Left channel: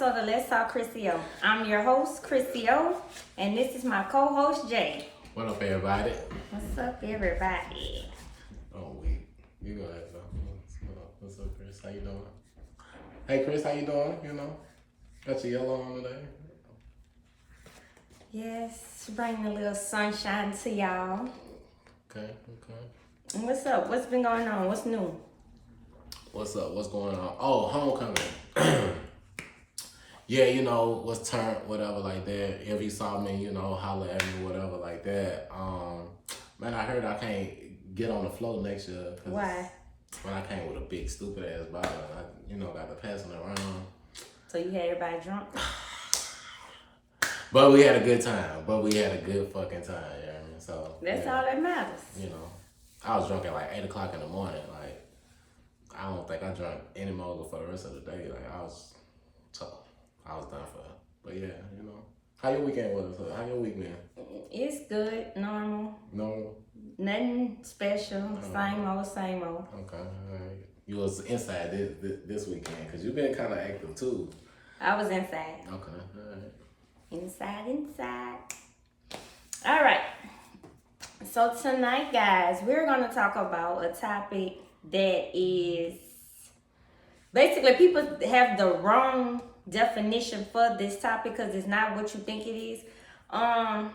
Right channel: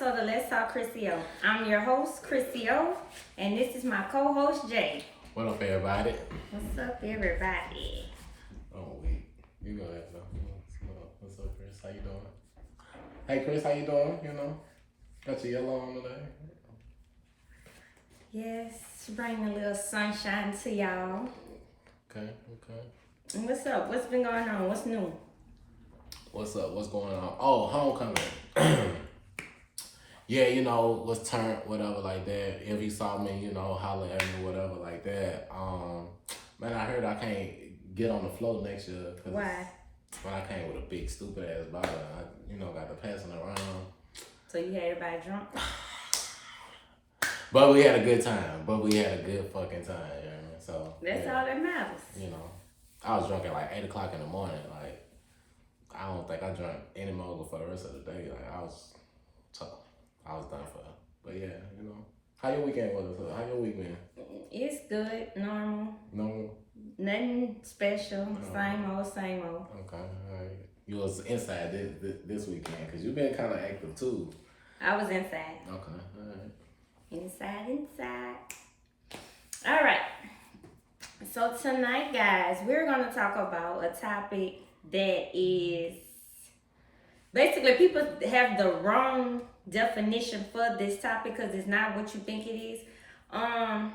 episode of Let's Talk KrissyO. I'm your host, KrissyO, and this is my co-host, Jay. What up, everybody? What's up, everybody? Oh, wait. You go ahead, though. What's up, Chris? How you doing? Hey, Chris, how you doing? You know, got your yellow on today. Yes, bringing a little sunshine to y'all. Okay. And what's up? What's been going on? What's new? What's up? What's going on? Oh, homecoming. Yeah, you know, was turned, whatever, like that. If you saw me, you know, holler at me, whatever, like that. Man, I heard I can't get on the float next year. Why? When I came with a big, stupid-ass bottle, I, got to passing it around. So you had everybody drunk? But we had a good time. But we had a good fucking time, you know what I mean? So That's yeah, all that matters. You know, I was drunk at like 8 o'clock in the morning. Like, I don't think I drank any more for the rest of the day. Like, I was done for. But yeah, you know. How your weekend was? How your week been? It's good, normal. Normal? Nothing special. Same old. Okay, all right. You was inside this weekend because you've been kind of active too. I was inside. Okay, all right. Inside. All right. So tonight, guys, we're going to talk about a topic that is basically people have the wrong definition for this topic because it's not what you think it is. How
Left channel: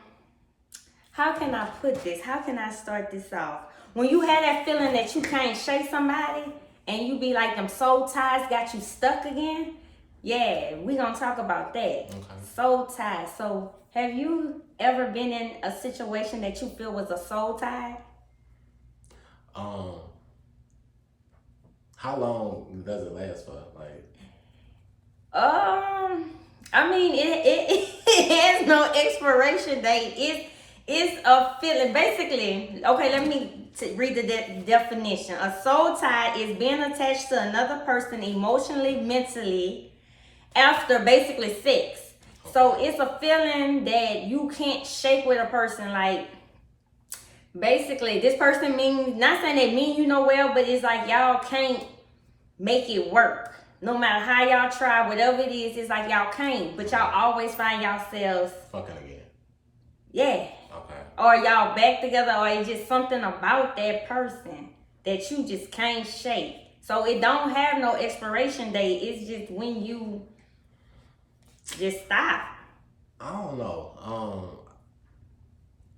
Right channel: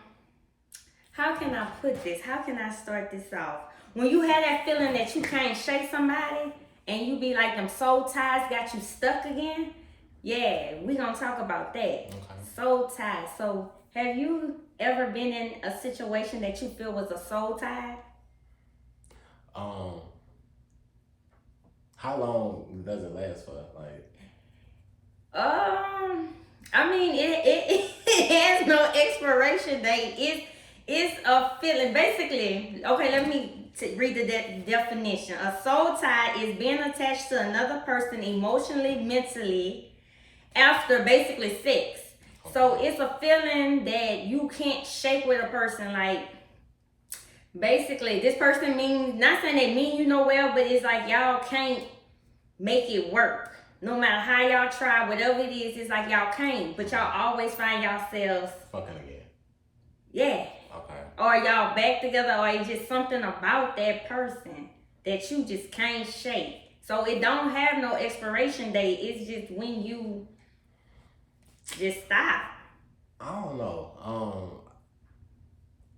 can I put this? How can I start this off? When you have that feeling that you can't shake somebody and you be like them soul ties got you stuck again, yeah, we're going to talk about that. Okay. Soul ties. So have you ever been in a situation that you feel was a soul tie? How long does it last for? Like, I mean, it has no expiration date. It's a feeling. Basically, okay, let me read the definition. A soul tie is being attached to another person emotionally, mentally, after basically sex. Okay. So it's a feeling that you can't shake with a person. Like, basically, this person means, not saying they mean you know well, but it's like y'all can't make it work. No matter how y'all try, whatever it is, it's like y'all can't. But y'all always find yourselves fucking again. Yeah. Okay. Or y'all back together, or it's just something about that person that you just can't shake. So it don't have no expiration date. It's just when you just stop. I don't know.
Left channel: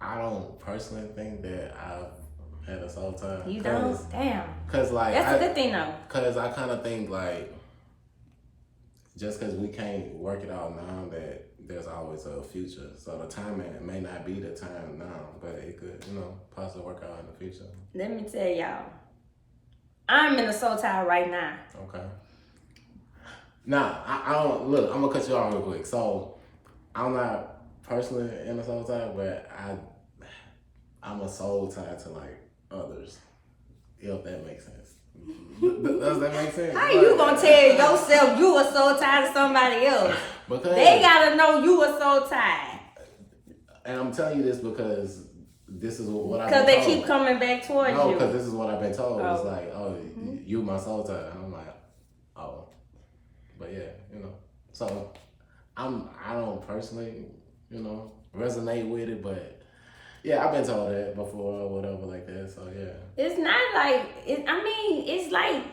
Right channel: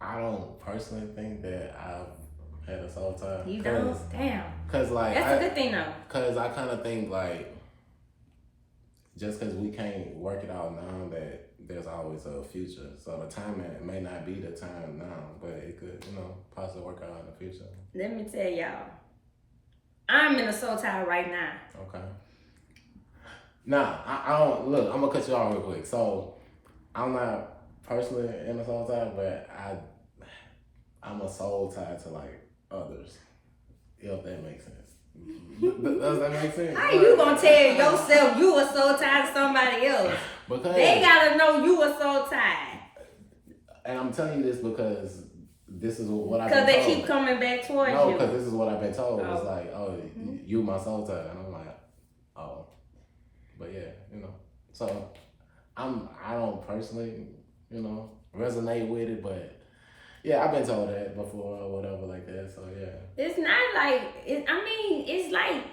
I don't personally think that I've had a soul tie. You don't? Damn. Cause like that's a good thing though. Cause I kind of think like just cause we can't work it out now that there's always a future. So the timing may not be the time now, but it could, possibly work out in the future. Let me tell y'all, I'm in a soul tie right now. Okay. Now, I don't, look, I'm gonna cut you off real quick. So, I'm not personally in a soul tie, but I'm a soul tie to like others, if that makes sense. Does that make sense? How you gonna tell yourself you a soul tie to somebody else? Because they gotta know you a soul tie. And I'm telling you this because this is what I've been told. Because they keep coming back towards you. No, because this is what I've been told. It's like, you my soul tie. And I'm like, oh. But yeah, So I don't personally, resonate with it, but yeah, I've been told that before or whatever like that. So yeah. It's not like it's like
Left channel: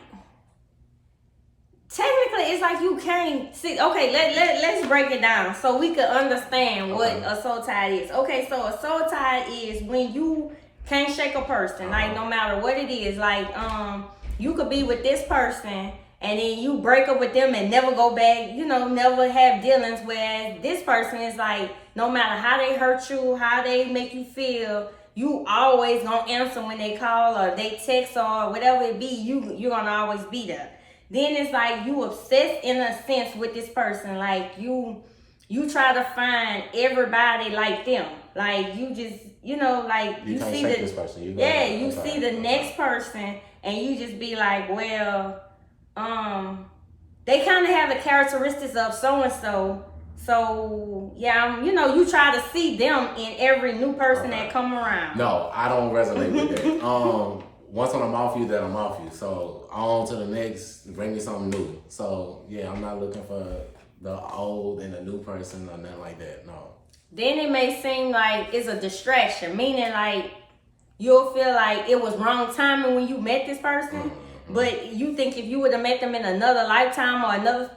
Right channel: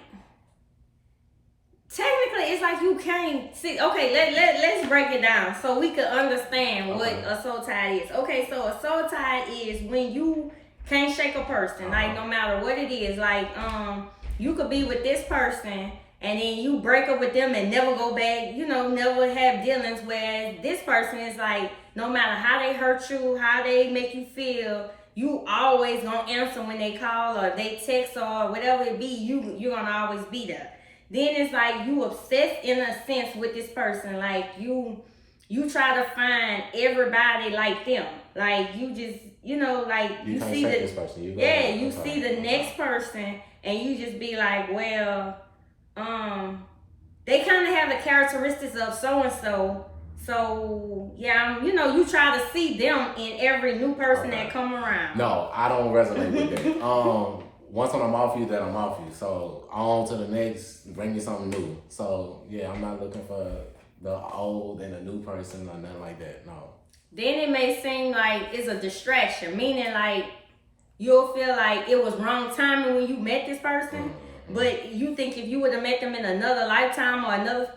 technically it's like you can't see. Okay, let's break it down so we can understand what a soul tie is. Okay, so a soul tie is when you can't shake a person, like no matter what it is. Like you could be with this person and then you break up with them and never go back, never have dealings, where this person is like, no matter how they hurt you, how they make you feel, you always gonna answer when they call or they text or whatever it be, you're gonna always be there. Then it's like you obsessed in a sense with this person. Like you try to find everybody like them. Like you just, like you can't see shake this person. You see the next person and you just be like, well, they kind of have the characteristics of so-and-so. So, yeah, you try to see them in every new person that come around. No, I don't resonate with that. Once when I'm off you, then I'm off you. So, on to the next, bring me something new. So, yeah, I'm not looking for the old and the new person or nothing like that. No. Then it may seem like it's a distraction, meaning like you'll feel like it was wrong timing when you met this person, but you think if you would have met them in another lifetime or another,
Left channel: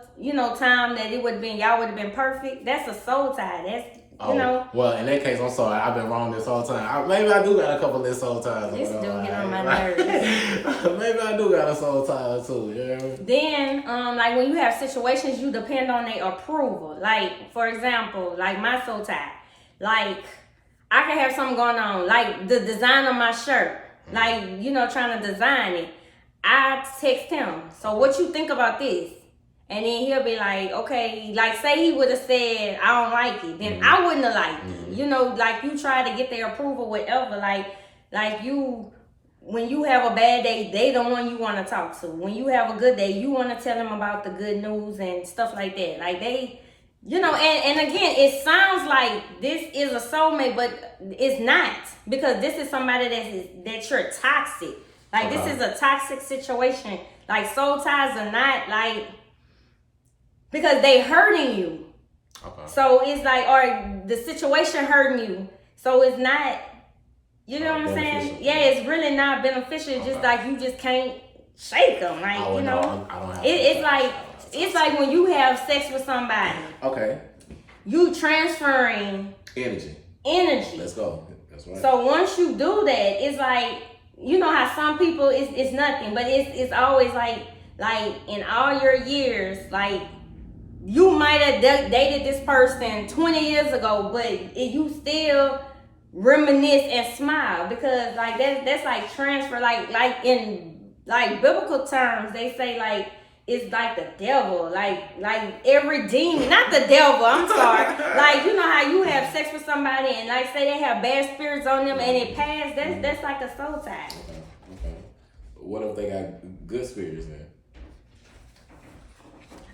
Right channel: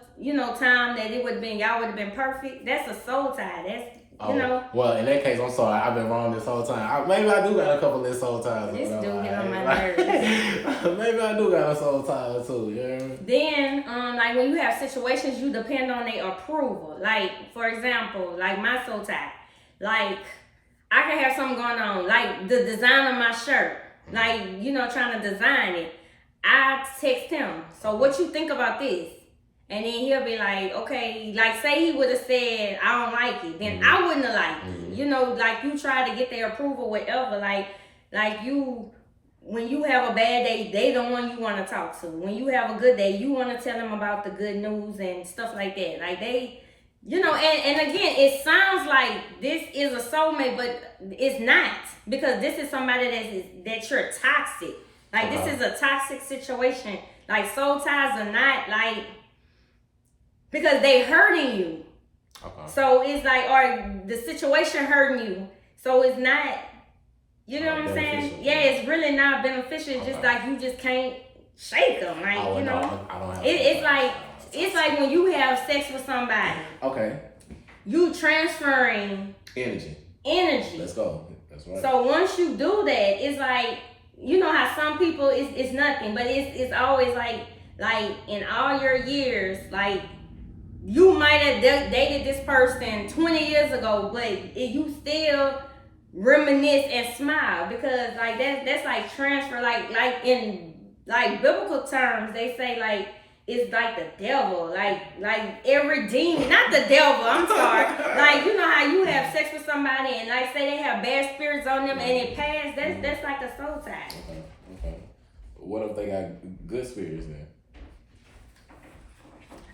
time that it would have been, y'all would have been perfect. That's a soul tie. That's, Well, in that case, I'm sorry. I've been wrong this whole time. Maybe I do got a couple of soul ties. This dude get on my nerves. Maybe I do got a soul tie too. You know what I mean? Then, like when you have situations, you depend on their approval. Like, for example, like my soul tie. Like, I can have something going on, like the design of my shirt. Like, trying to design it. I text him, so what you think about this? And then he'll be like, okay, like say he would have said, I don't like it. Then I wouldn't have liked it. Like you try to get their approval, whatever. Like you, when you have a bad day, they the one you want to talk to. When you have a good day, you want to tell them about the good news and stuff like that. Like they, and again, it sounds like this is a soulmate, but it's not. Because this is somebody that you're toxic. Like this is a toxic situation. Like soul ties are not like, because they hurting you. Okay. So it's like, or the situation hurting you. So it's not, what I'm saying? Yeah, it's really not beneficial. It's just like you just can't shake them. Like, I don't have it's like when you have sex with somebody. Okay. You transferring energy. Let's go. That's right. So once you do that, it's like, how some people it's nothing, but it's always like in all your years, like you might have dated this person 20 years ago, but you still reminisce and smile because like that's like transfer, like in like biblical terms, they say like it's like the devil, like every demon, not the devil, I'm sorry. Like, how you have sex with somebody and like say they have bad spirits on them and it passed, that's like a soul tie. Okay. What if they got good spirits then?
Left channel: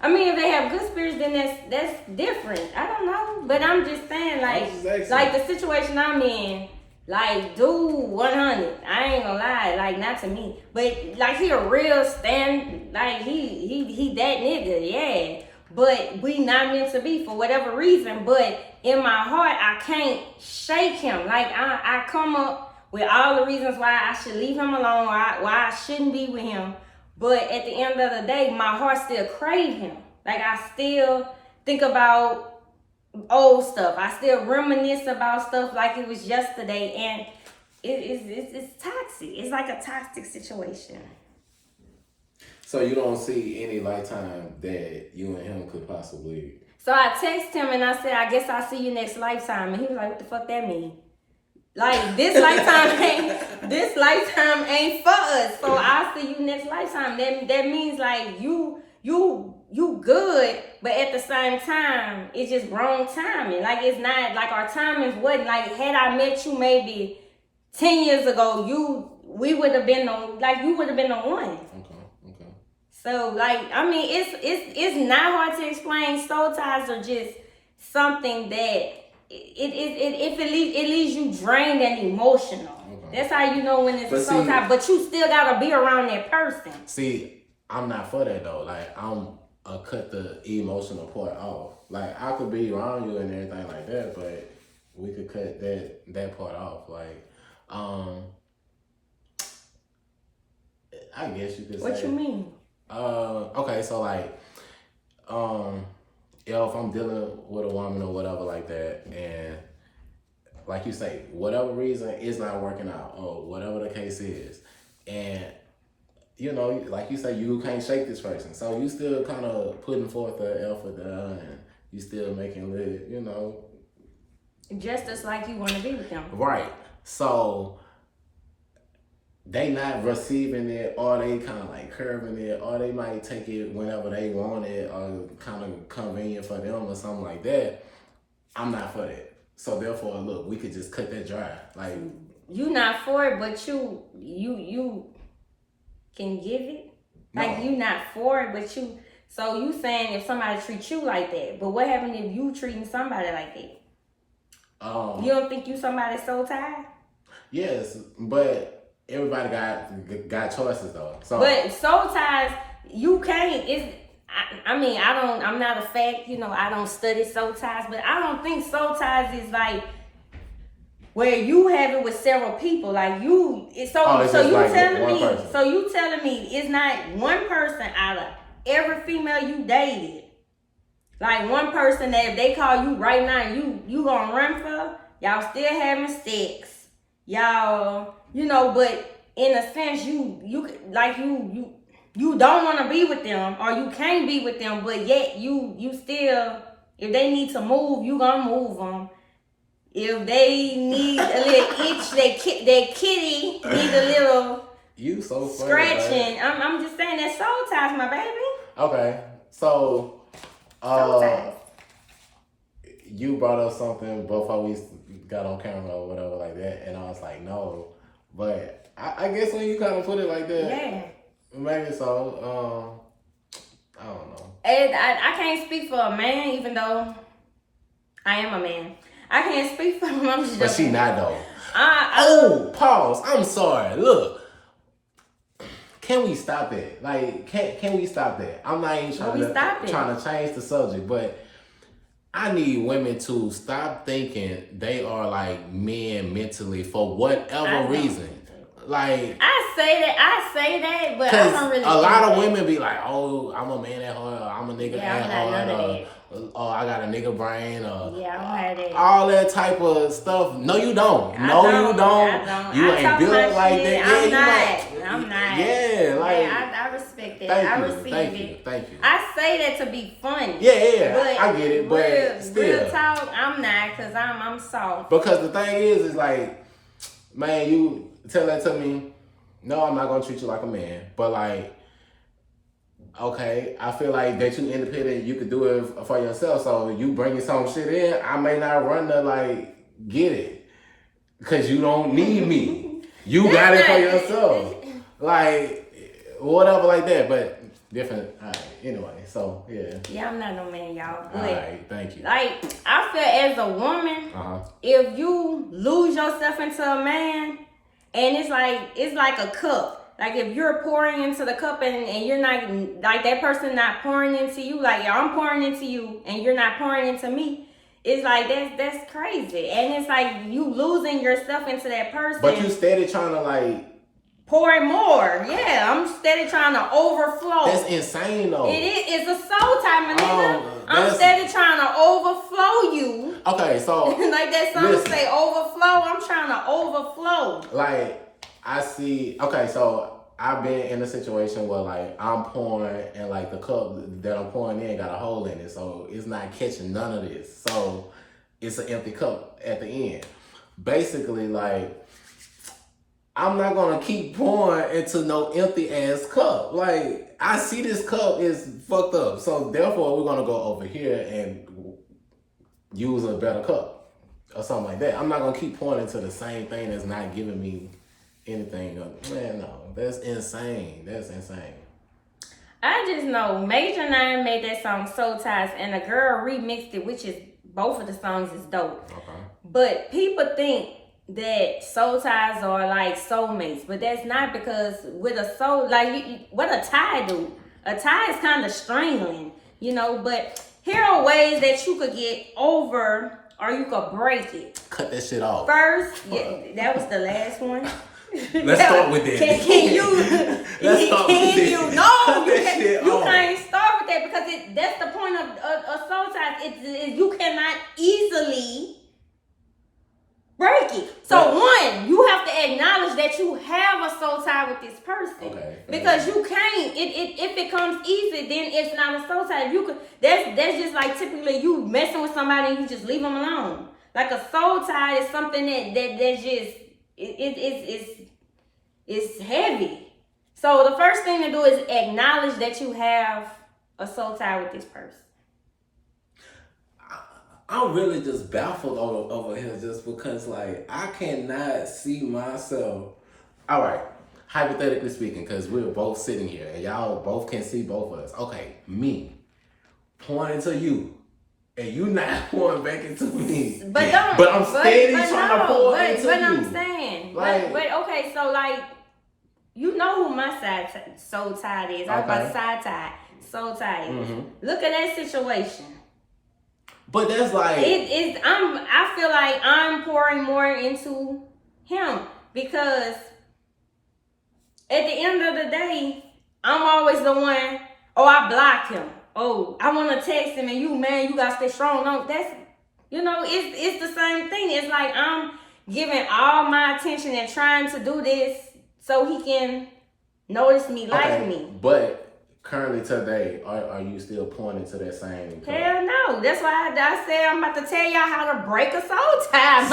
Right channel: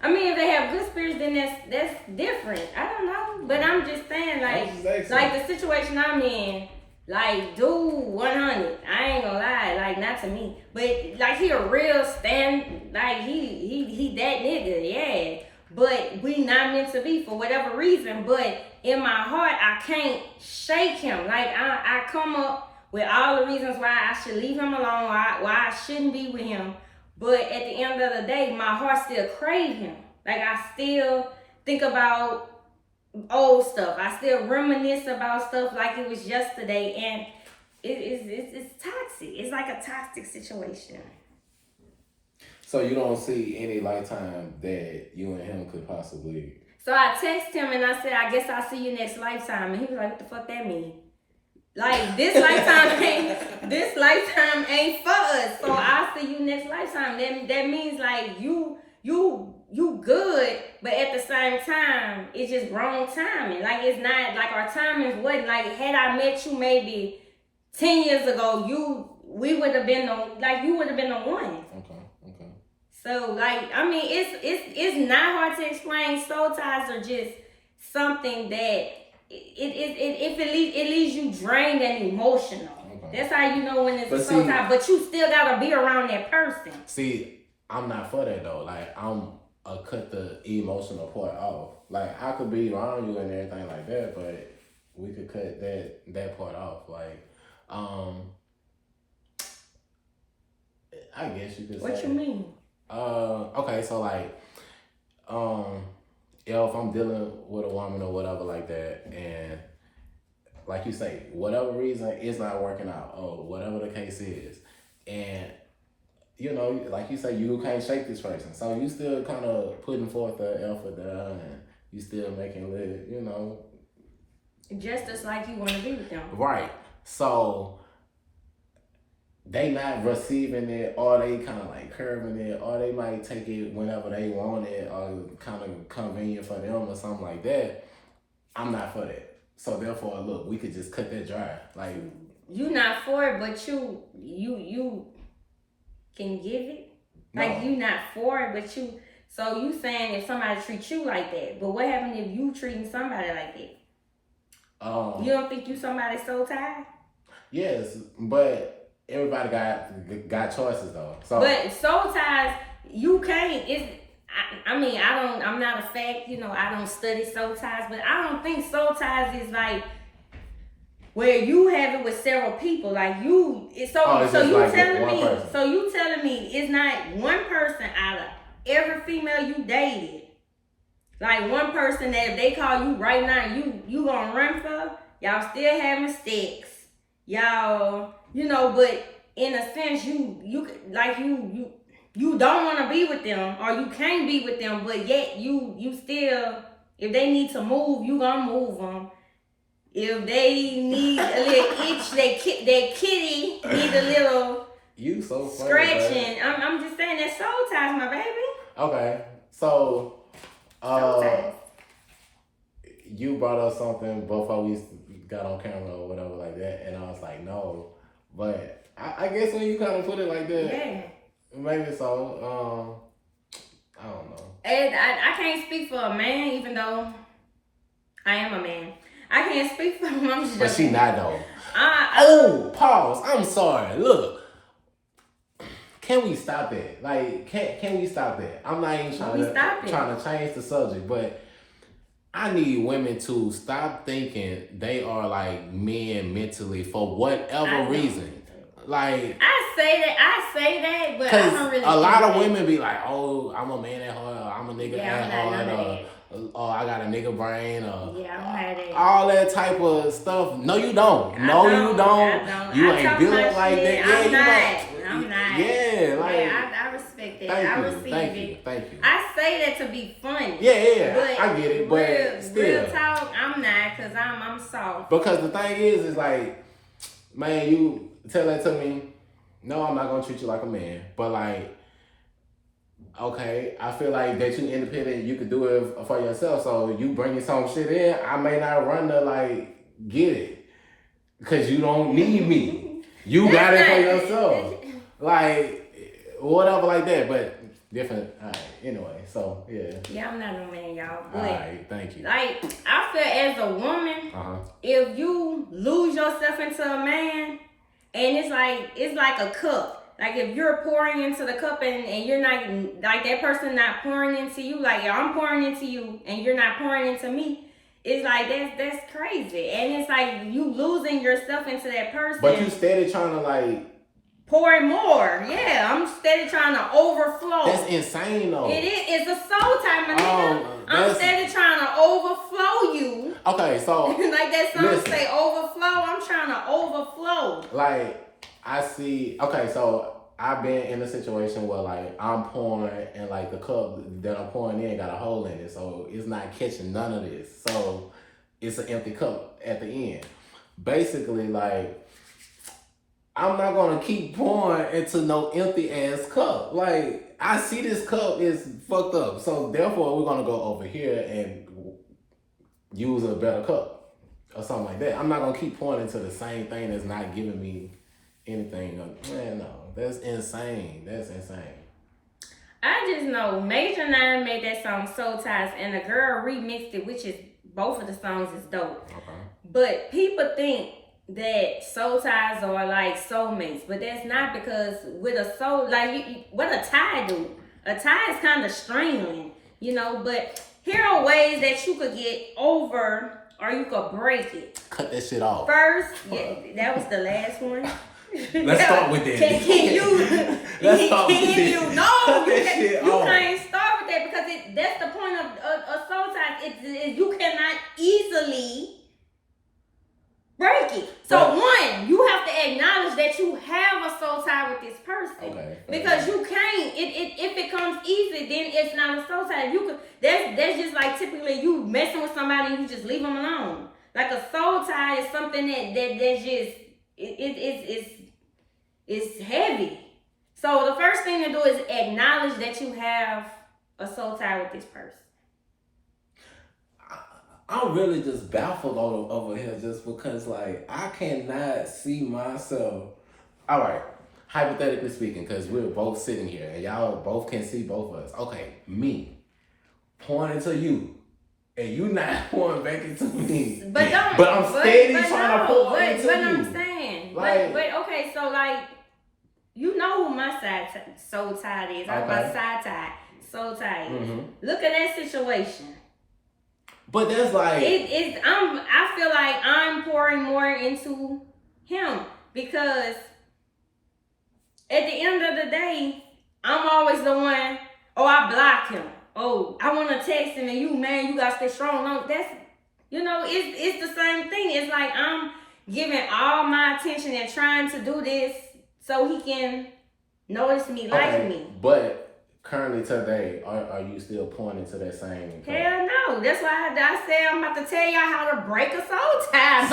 I mean, if they have good spirits, then that's different. I don't know, but I'm just saying, like the situation I'm in, like, dude, 100. I ain't gonna lie, like, not to me, but like he a real like he that nigga, yeah. But we not meant to be for whatever reason. But in my heart, I can't shake him. Like I come up with all the reasons why I should leave him alone, why I shouldn't be with him. But at the end of the day, my heart still craves him. Like I still think about old stuff. I still reminisce about stuff like it was yesterday, and it's toxic. It's like a toxic situation. So you don't see any lifetime that you and him could possibly. So I text him and I said, I guess I'll see you next lifetime, and he was like, "What the fuck that mean?" Like this lifetime ain't for us. So I'll see you next lifetime. That means like you good, but at the same time, it's just wrong timing. Like it's not like our timing wasn't like had I met you maybe 10 years ago, we would have been on you would have been the one. Okay. So like I mean it's not hard to explain. Soul ties are just something that it leaves you drained and emotional. Okay. That's how you know when it's a soul tie, but you still gotta be around that person. See, I'm not for that though. Like I'm cut the emotional part off. Like I could be around you and everything like that, but we could cut that part off. Like, I guess you could say. What you mean? Okay, so like, if I'm dealing with a woman or whatever like that, and like you say, whatever reason it's not working out, or whatever the case is, and like you say, you can't shake this person, so you still kind of putting forth the effort there, and you still making it, just as like you want to be with them, right? So they not receiving it, or they kind of like curving it, or they might take it whenever they want it, or kind of convenient for them or something like that. I'm not for that. So therefore, look, we could just cut that dry. Like you not for it, but you can give it. No. Like you not for it, but you. So you saying if somebody treats you like that, but what happens if you treating somebody like that? You don't think you somebody soul tied? Yes, but everybody got choices though. So, but soul ties, you can't. I mean, I'm not a fact, I don't study soul ties, but I don't think soul ties is like where you have it with several people. Like you telling me it's not one person out of every female you dated. Like one person that if they call you right now, you gonna run for, y'all still having sex. Y'all, but in a sense you don't want to be with them or you can't be with them, but yet you still, if they need to move, you gonna move them. If they need a little itch, their kitty need a little you so funny, scratching. I'm just saying that soul ties, my baby. Okay, so you brought up something before we got on camera or whatever like that, and I was like, no, but I guess when you kind of put it like that, yeah, maybe so. I don't know. And I can't speak for a man, even though I am a man. I can't speak for him. I'm just but she not though. Pause. I'm sorry. Look. Can we stop that? Like, can we stop that? I'm not even trying to change the subject, but I need women to stop thinking they are like men mentally for whatever reason. Like I say that, but I don't really. A lot of women be like, "Oh, I'm a man at heart. I'm a nigga at heart. Oh, I got a nigga brain. All that type of stuff. No, you don't. You don't. You ain't built like that. Yeah, you might. I'm not. Yeah, like. I respect that. I receive it. Thank you. I say that to be funny. Yeah. I get it, but still. Real talk, I'm not, cause I'm soft. Because the thing is like, man, you tell that to me. No, I'm not gonna treat you like a man, but like, okay, I feel like that you independent, you could do it for yourself. So you bringing some shit in, I may not run to like get it, cause you don't need me. You got it for yourself, like whatever like that. But different. All right. Anyway, so yeah. Yeah, I'm not no man, y'all. All right, thank you. Like I feel as a woman, if you lose yourself into a man. And it's like a cup. Like if you're pouring into the cup and you're not, like that person not pouring into you, like I'm pouring into you and you're not pouring into me, it's like that's crazy. And it's like you losing yourself into that person. But you steady trying to like pour in more. Yeah, I'm steady trying to overflow. That's insane though. It is. It's a soul time, my nigga. I'm steady trying to overflow you. Okay, so like that song say, overflow. I'm trying to overflow. Like I see. Okay, so I've been in a situation where like I'm pouring and like the cup that I'm pouring in got a hole in it, so it's not catching none of this. So it's an empty cup at the end. Basically, like. I'm not gonna keep pouring into no empty ass cup. Like I see this cup is fucked up, so therefore we're gonna go over here and use a better cup or something like that. I'm not gonna keep pouring into the same thing that's not giving me anything. Man, no, that's insane. That's insane. I just know Major 9 made that song Soul Ties, and a girl remixed it, which is both of the songs is dope. Okay. But people think that soul ties are like soulmates, but that's not, because with a soul, like what a tie do? A tie is kind of strangling, but here are ways that you could get over or you could break it. Cut that shit off. First, that was the last one. Let's start with that. Can you? Let's start with that. You can't start with that because that's the point of soul ties. You cannot easily break it. So one, you have to acknowledge that you have a soul tie with this person. Okay. Because you can't. If it comes easy, then it's not a soul tie. You could. That's just like typically you messing with somebody and you just leave them alone. Like a soul tie is something that's just it's heavy. So the first thing to do is acknowledge that you have a soul tie with this person. I'm really just baffled over here just because, like, I cannot see myself. All right, hypothetically speaking, because we're both sitting here and y'all both can see both of us. Okay, me pouring into you and you not pouring back into me. But I'm steady trying to pour into you. But I'm saying, like, but okay, so like, you know who my soul tie is. I'm about side tie. soul tie is. Look at that situation. But that's like I feel like I'm pouring more into him because at the end of the day, I'm always the one. Oh, I blocked him. Oh, I want to text him and you got to stay strong. No, that's it's the same thing. It's like I'm giving all my attention and trying to do this so he can notice me, like me. But currently today, are you still pointing to that same? Hell no. That's why I said I'm about to tell y'all how to break a soul tie.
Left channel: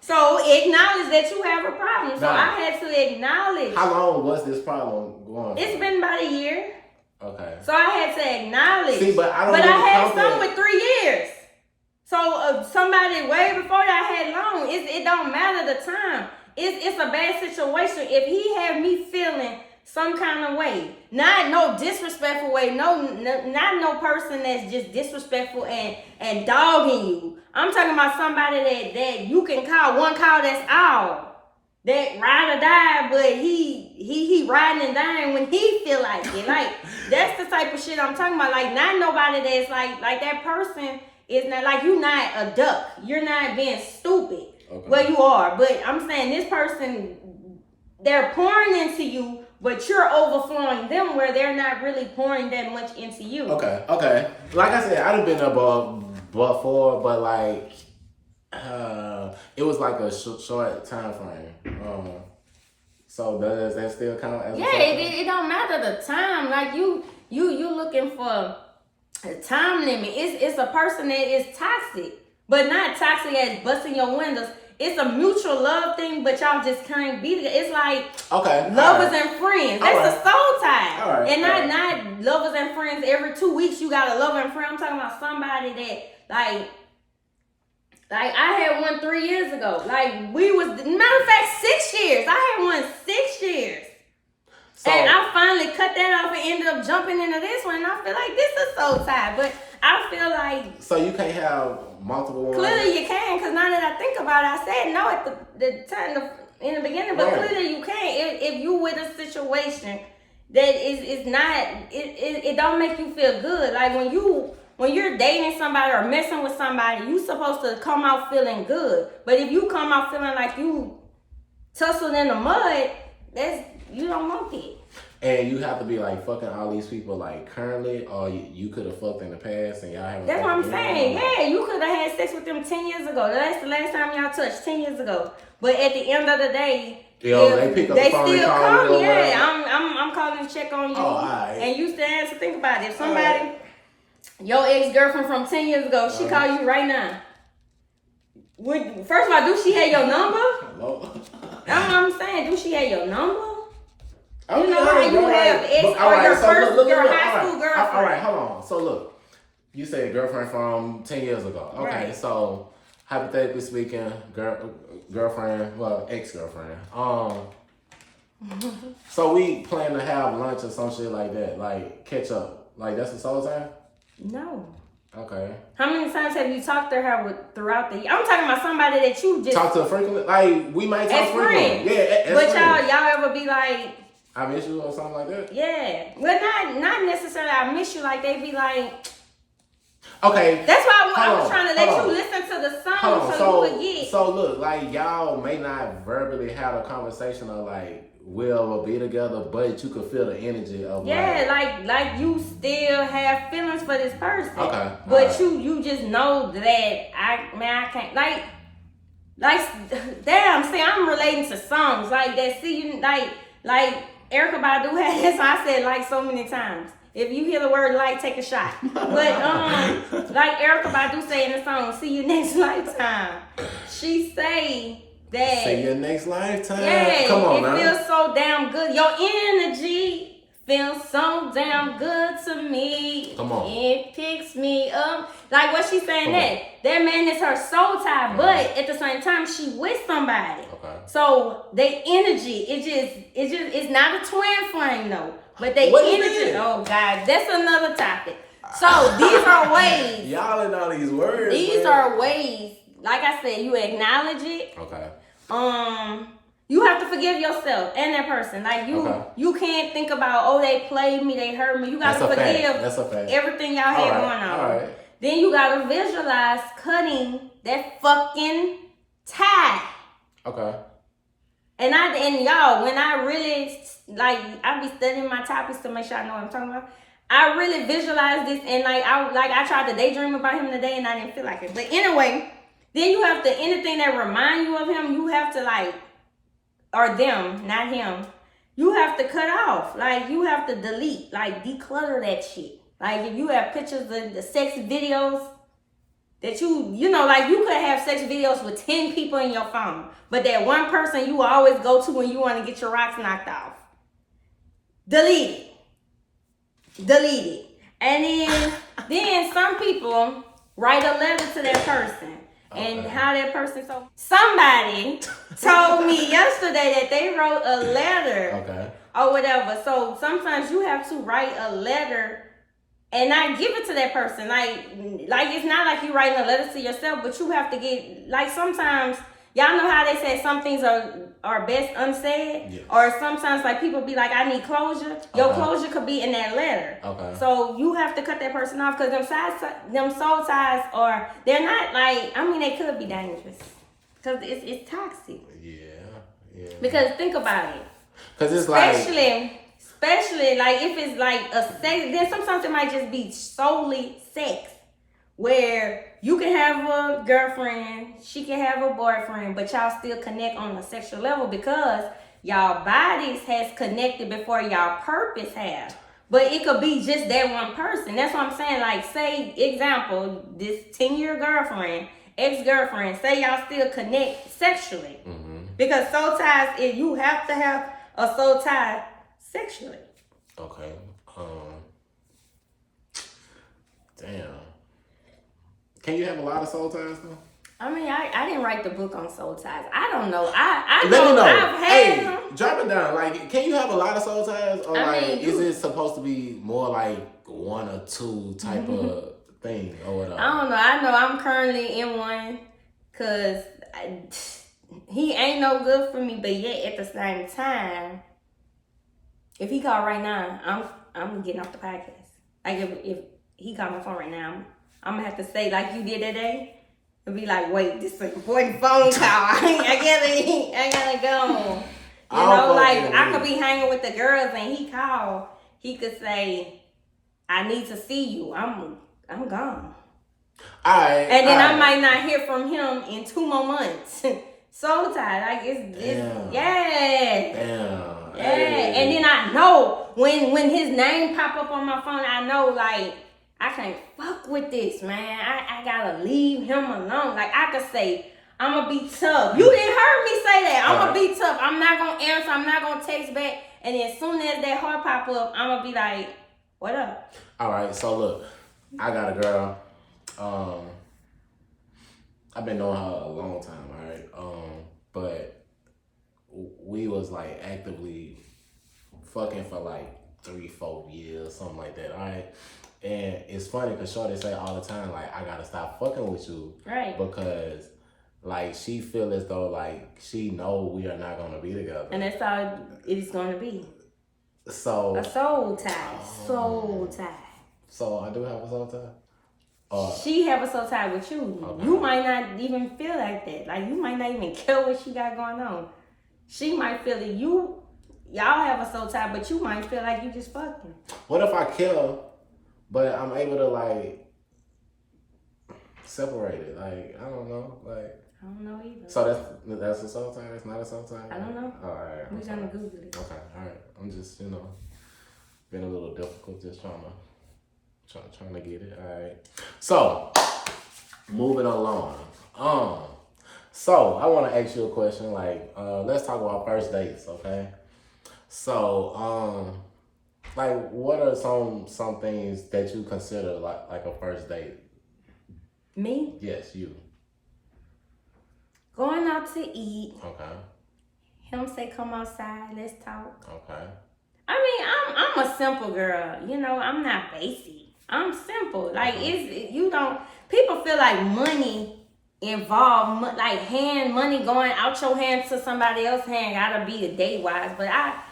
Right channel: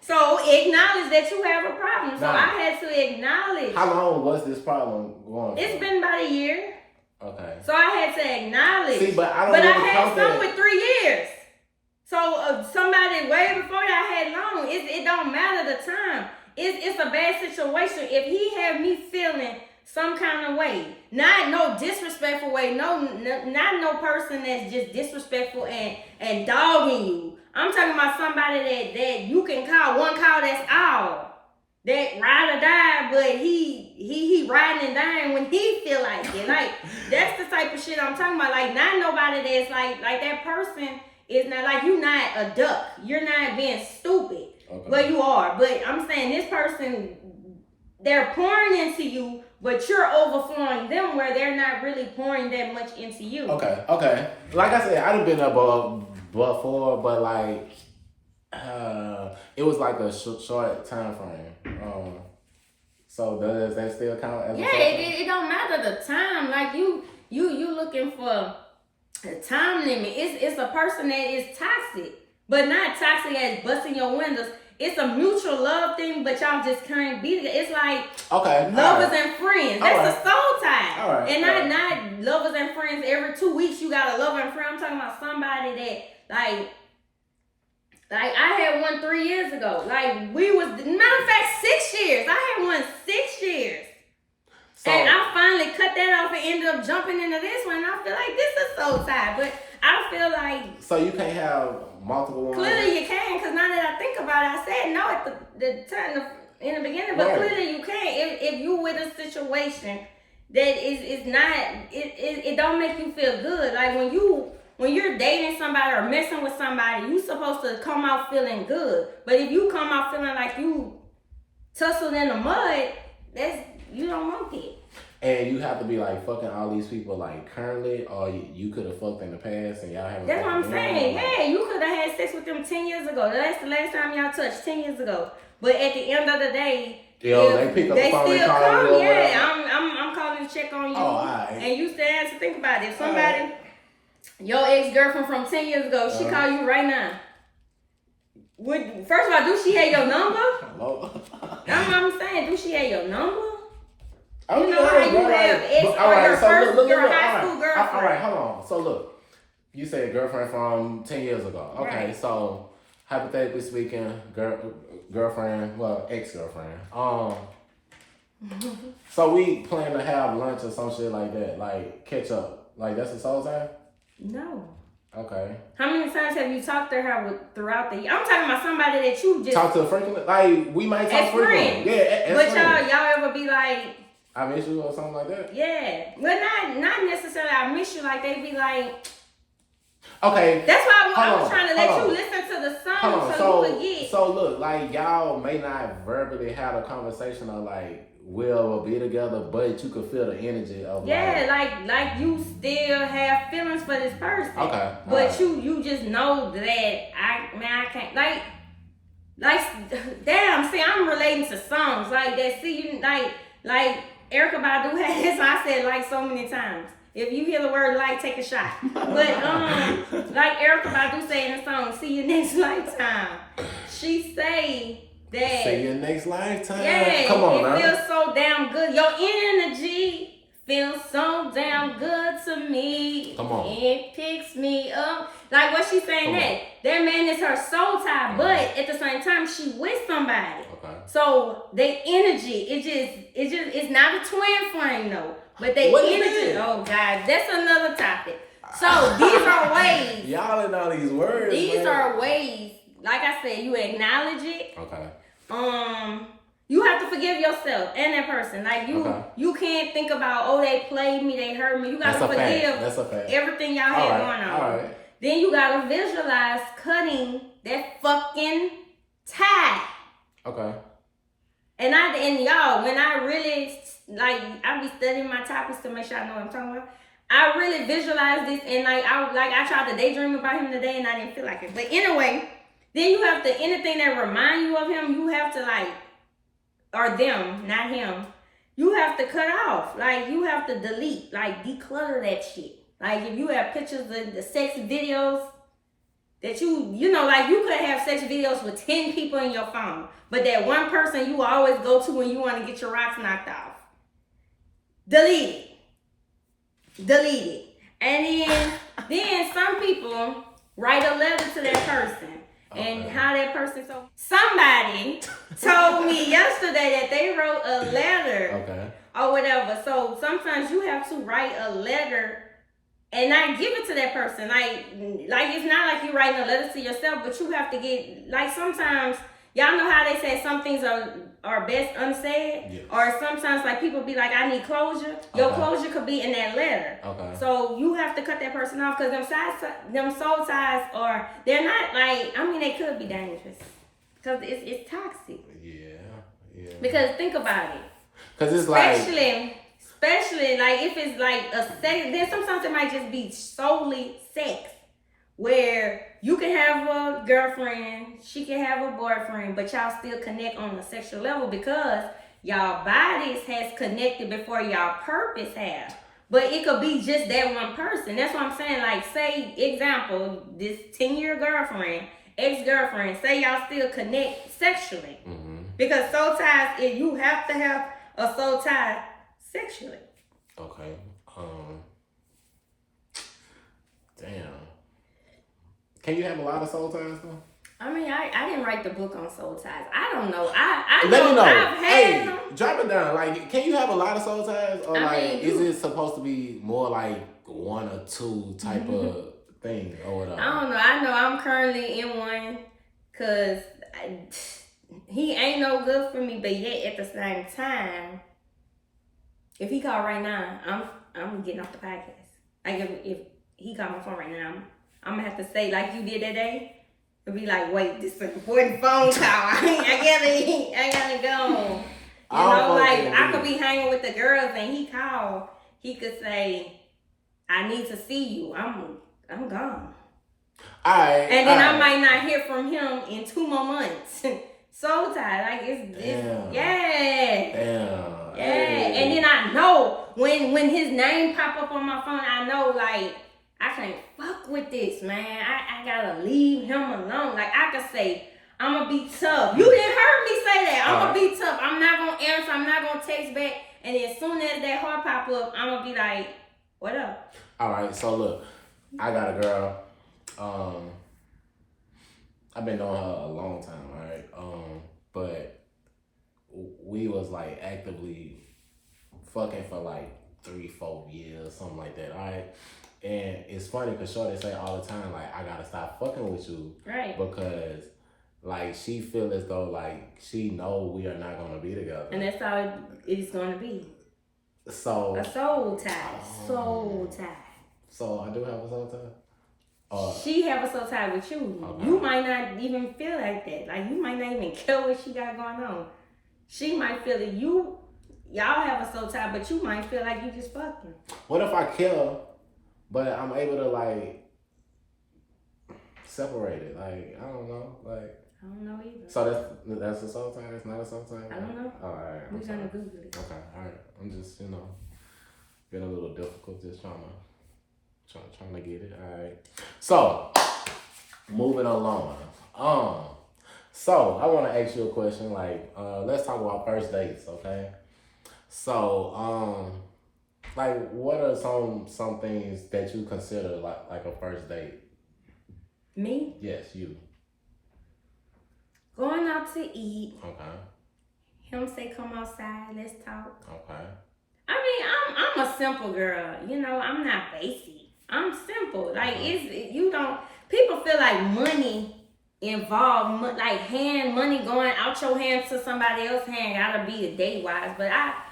So acknowledge that you have a problem. So I had to acknowledge. How long was this problem going? It's been about a year. Okay. So I had to acknowledge. See, but I don't. But I had some with 3 years. So somebody way before that had long. It don't matter the time. It's a bad situation. If he had me feeling some kind of way, not no disrespectful way, not no person that's just disrespectful and dogging you. I'm talking about somebody that you can call one call, that's all. That ride or die, but he riding and dying when he feel like it. Like that's the type of shit I'm talking about. Like not nobody that's like that person is not like you not a duck. You're not being stupid. Okay. Well, you are, but I'm saying this person, they're pouring into you, but you're overflowing them where they're not really pouring that much into you. Okay. Like I said, I done been there before, but like it was like a short time frame. So does that still count as? Yeah, it don't matter the time. Like you looking for a time limit. It's a person that is toxic, but not toxic as busting your windows. It's a mutual love thing, but y'all just can't be together. It's like lovers and friends. That's a soul tie. And not lovers and friends every 2 weeks you got a lover and friend. I'm talking about somebody that like I had one 3 years ago. Like we was, matter of fact, 6 years. I had one 6 years. So, and I finally cut that off and ended up jumping into this one. And I feel like this is soul tie. But I feel like... So you can't have multiple ones? Clearly you can, because now that I think about it, I said no at the time in the beginning. But clearly you can. If you with a situation that is not... It don't make you feel good. Like when you're dating somebody or messing with somebody, you supposed to come out feeling good. But if you come out feeling like you tussled in the mud, you don't want it. And you have to be like fucking all these people like currently, or you could have fucked in the past and y'all haven't. That's what I'm saying. Yeah, you could have had sex with them 10 years ago. That's the last time y'all touched, 10 years ago. But at the end of the day, they pick up the phone and call you. I'm calling to check on you. Oh, right. And you still have to think about it. If somebody, your ex-girlfriend from 10 years ago, she call you right now. First of all, do she have your number? That's what I'm saying. Do she have your number? You know how you have ex or your high school girlfriend. All right, hold on. So look, you said girlfriend from 10 years ago. Okay, so hypothetically speaking, girlfriend, well, ex-girlfriend. So we plan to have lunch or some shit like that, like catch up. Like that's a soul tie? No. Okay. How many times have you talked to her throughout the year? I'm talking about somebody that you just talk to frequently. Like we might talk frequently. Yeah, but y'all ever be like, I miss you or something like that? Yeah. Well, not necessarily I miss you. Like, they be like... Okay. That's why I was trying to let you listen to the song so you would get... So, look, like, y'all may not verbally have a conversation of, like, we'll be together, but you could feel the energy of, like you still have feelings for this person. Okay. But you just know that I can't... Like, damn, see, I'm relating to songs. Like, that, see, you, like... Erykah Badu had this, I said like so many times. If you hear the word like, take a shot. But like Erykah Badu say in the song, see you next lifetime. She say that. See you next lifetime. Yeah, come on now. It feels so damn good. Your energy feels so damn good to me. Come on. It picks me up. Like what she saying that man is her soul tie, but at the same time she with somebody. Okay. So they energy, it's not a twin flame though. But they what energy. Oh God, that's another topic. So these are ways. Y'all in all these words. These are ways. Like I said, you acknowledge it. Okay. You have to forgive yourself and that person. Like you can't think about, oh, they played me, they hurt me. You gotta forgive everything y'all had going on. All right. Then you gotta visualize cutting that fucking tie. Okay. And y'all, when I really I be studying my topics to make sure I know what I'm talking about. I really visualize this, and I tried to daydream about him today, and I didn't feel like it. But anyway, then you have to, anything that remind you of him, you have to or them, not him. You have to cut off. Like, you have to delete, declutter that shit. Like, if you have pictures of the sex videos that you could have sex videos with 10 people in your phone, but that one person you always go to when you want to get your rocks knocked off. Delete it. And then some people write a letter to that person. Okay. And how that person, somebody told me yesterday that they wrote a letter. Okay. Or whatever. So sometimes you have to write a letter and not give it to that person. Like it's not like you're writing a letter to yourself, but you have to get, sometimes, y'all know how they say some things are best unsaid? Yes. Or sometimes people be like, I need closure. Your closure could be in that letter. Okay. So you have to cut that person off, because them soul ties they're not they could be dangerous. Because it's toxic. Yeah. Because think about it. Because it's especially if it's a sex, then sometimes it might just be solely sex. Where you can have a girlfriend, she can have a boyfriend, but y'all still connect on a sexual level because y'all bodies has connected before y'all purpose have. But it could be just that one person. That's what I'm saying. Say, example, this 10-year girlfriend, ex-girlfriend, say y'all still connect sexually. Mm-hmm. Because soul ties, you have to have a soul tie sexually. Okay. Damn. Can you have a lot of soul ties though? I mean, I didn't write the book on soul ties. I don't know. I Let me know. I've had them. Drop it down. Can you have a lot of soul ties, or is it supposed to be more one or two type of thing or whatever? I don't know. I know I'm currently in one, cause he ain't no good for me, but yet at the same time, if he called right now, I'm getting off the podcast. If he called my phone right now, I'm gonna have to say like you did that day, and be like, wait, this is an important phone call. I gotta go. I could be hanging with the girls and he called. He could say, I need to see you. I'm gone. Alright. And then I might not hear from him in 2 more months. Soul tie, it's Damn. Yeah. Damn. Yeah. And then I know when his name pop up on my phone, I know I can't fuck with this, man. I gotta leave him alone. I could say, I'm gonna be tough. You didn't heard me say that. I'm gonna be tough. I'm not gonna answer. I'm not gonna text back. And then as soon as that heart pop up, I'm gonna be like, what up? All right. So look, I got a girl. I've been knowing her a long time. All right. But we was actively fucking for 3-4 years, something like that. All right. And it's funny because Shorty say all the time, I gotta stop fucking with you. Right. Because, she feel as though, she know we are not gonna be together. And that's how it's gonna be. So. A soul tie. Soul tie. So I do have a soul tie? She have a soul tie with you. Okay. You might not even feel like that. You might not even care what she got going on. She might feel that y'all have a soul tie, but you might feel like you just fucking. What if I kill? But I'm able to separate it. I don't know. I don't know either. So that's a soul tie? That's not a soul tie? I don't know. All right. We're gonna Google it. Okay. All right. I'm just being a little difficult, just trying to get it. All right. So moving along. So I want to ask you a question. Let's talk about first dates. Okay. So what are some things that you consider like a first date? Me? Yes, you. Going out to eat. Okay. Him say, come outside, let's talk. Okay. I mean, I'm a simple girl. I'm not basic. I'm simple. People feel like money involve like hand money going out your hand to somebody else's hand. Gotta be a date wise, but I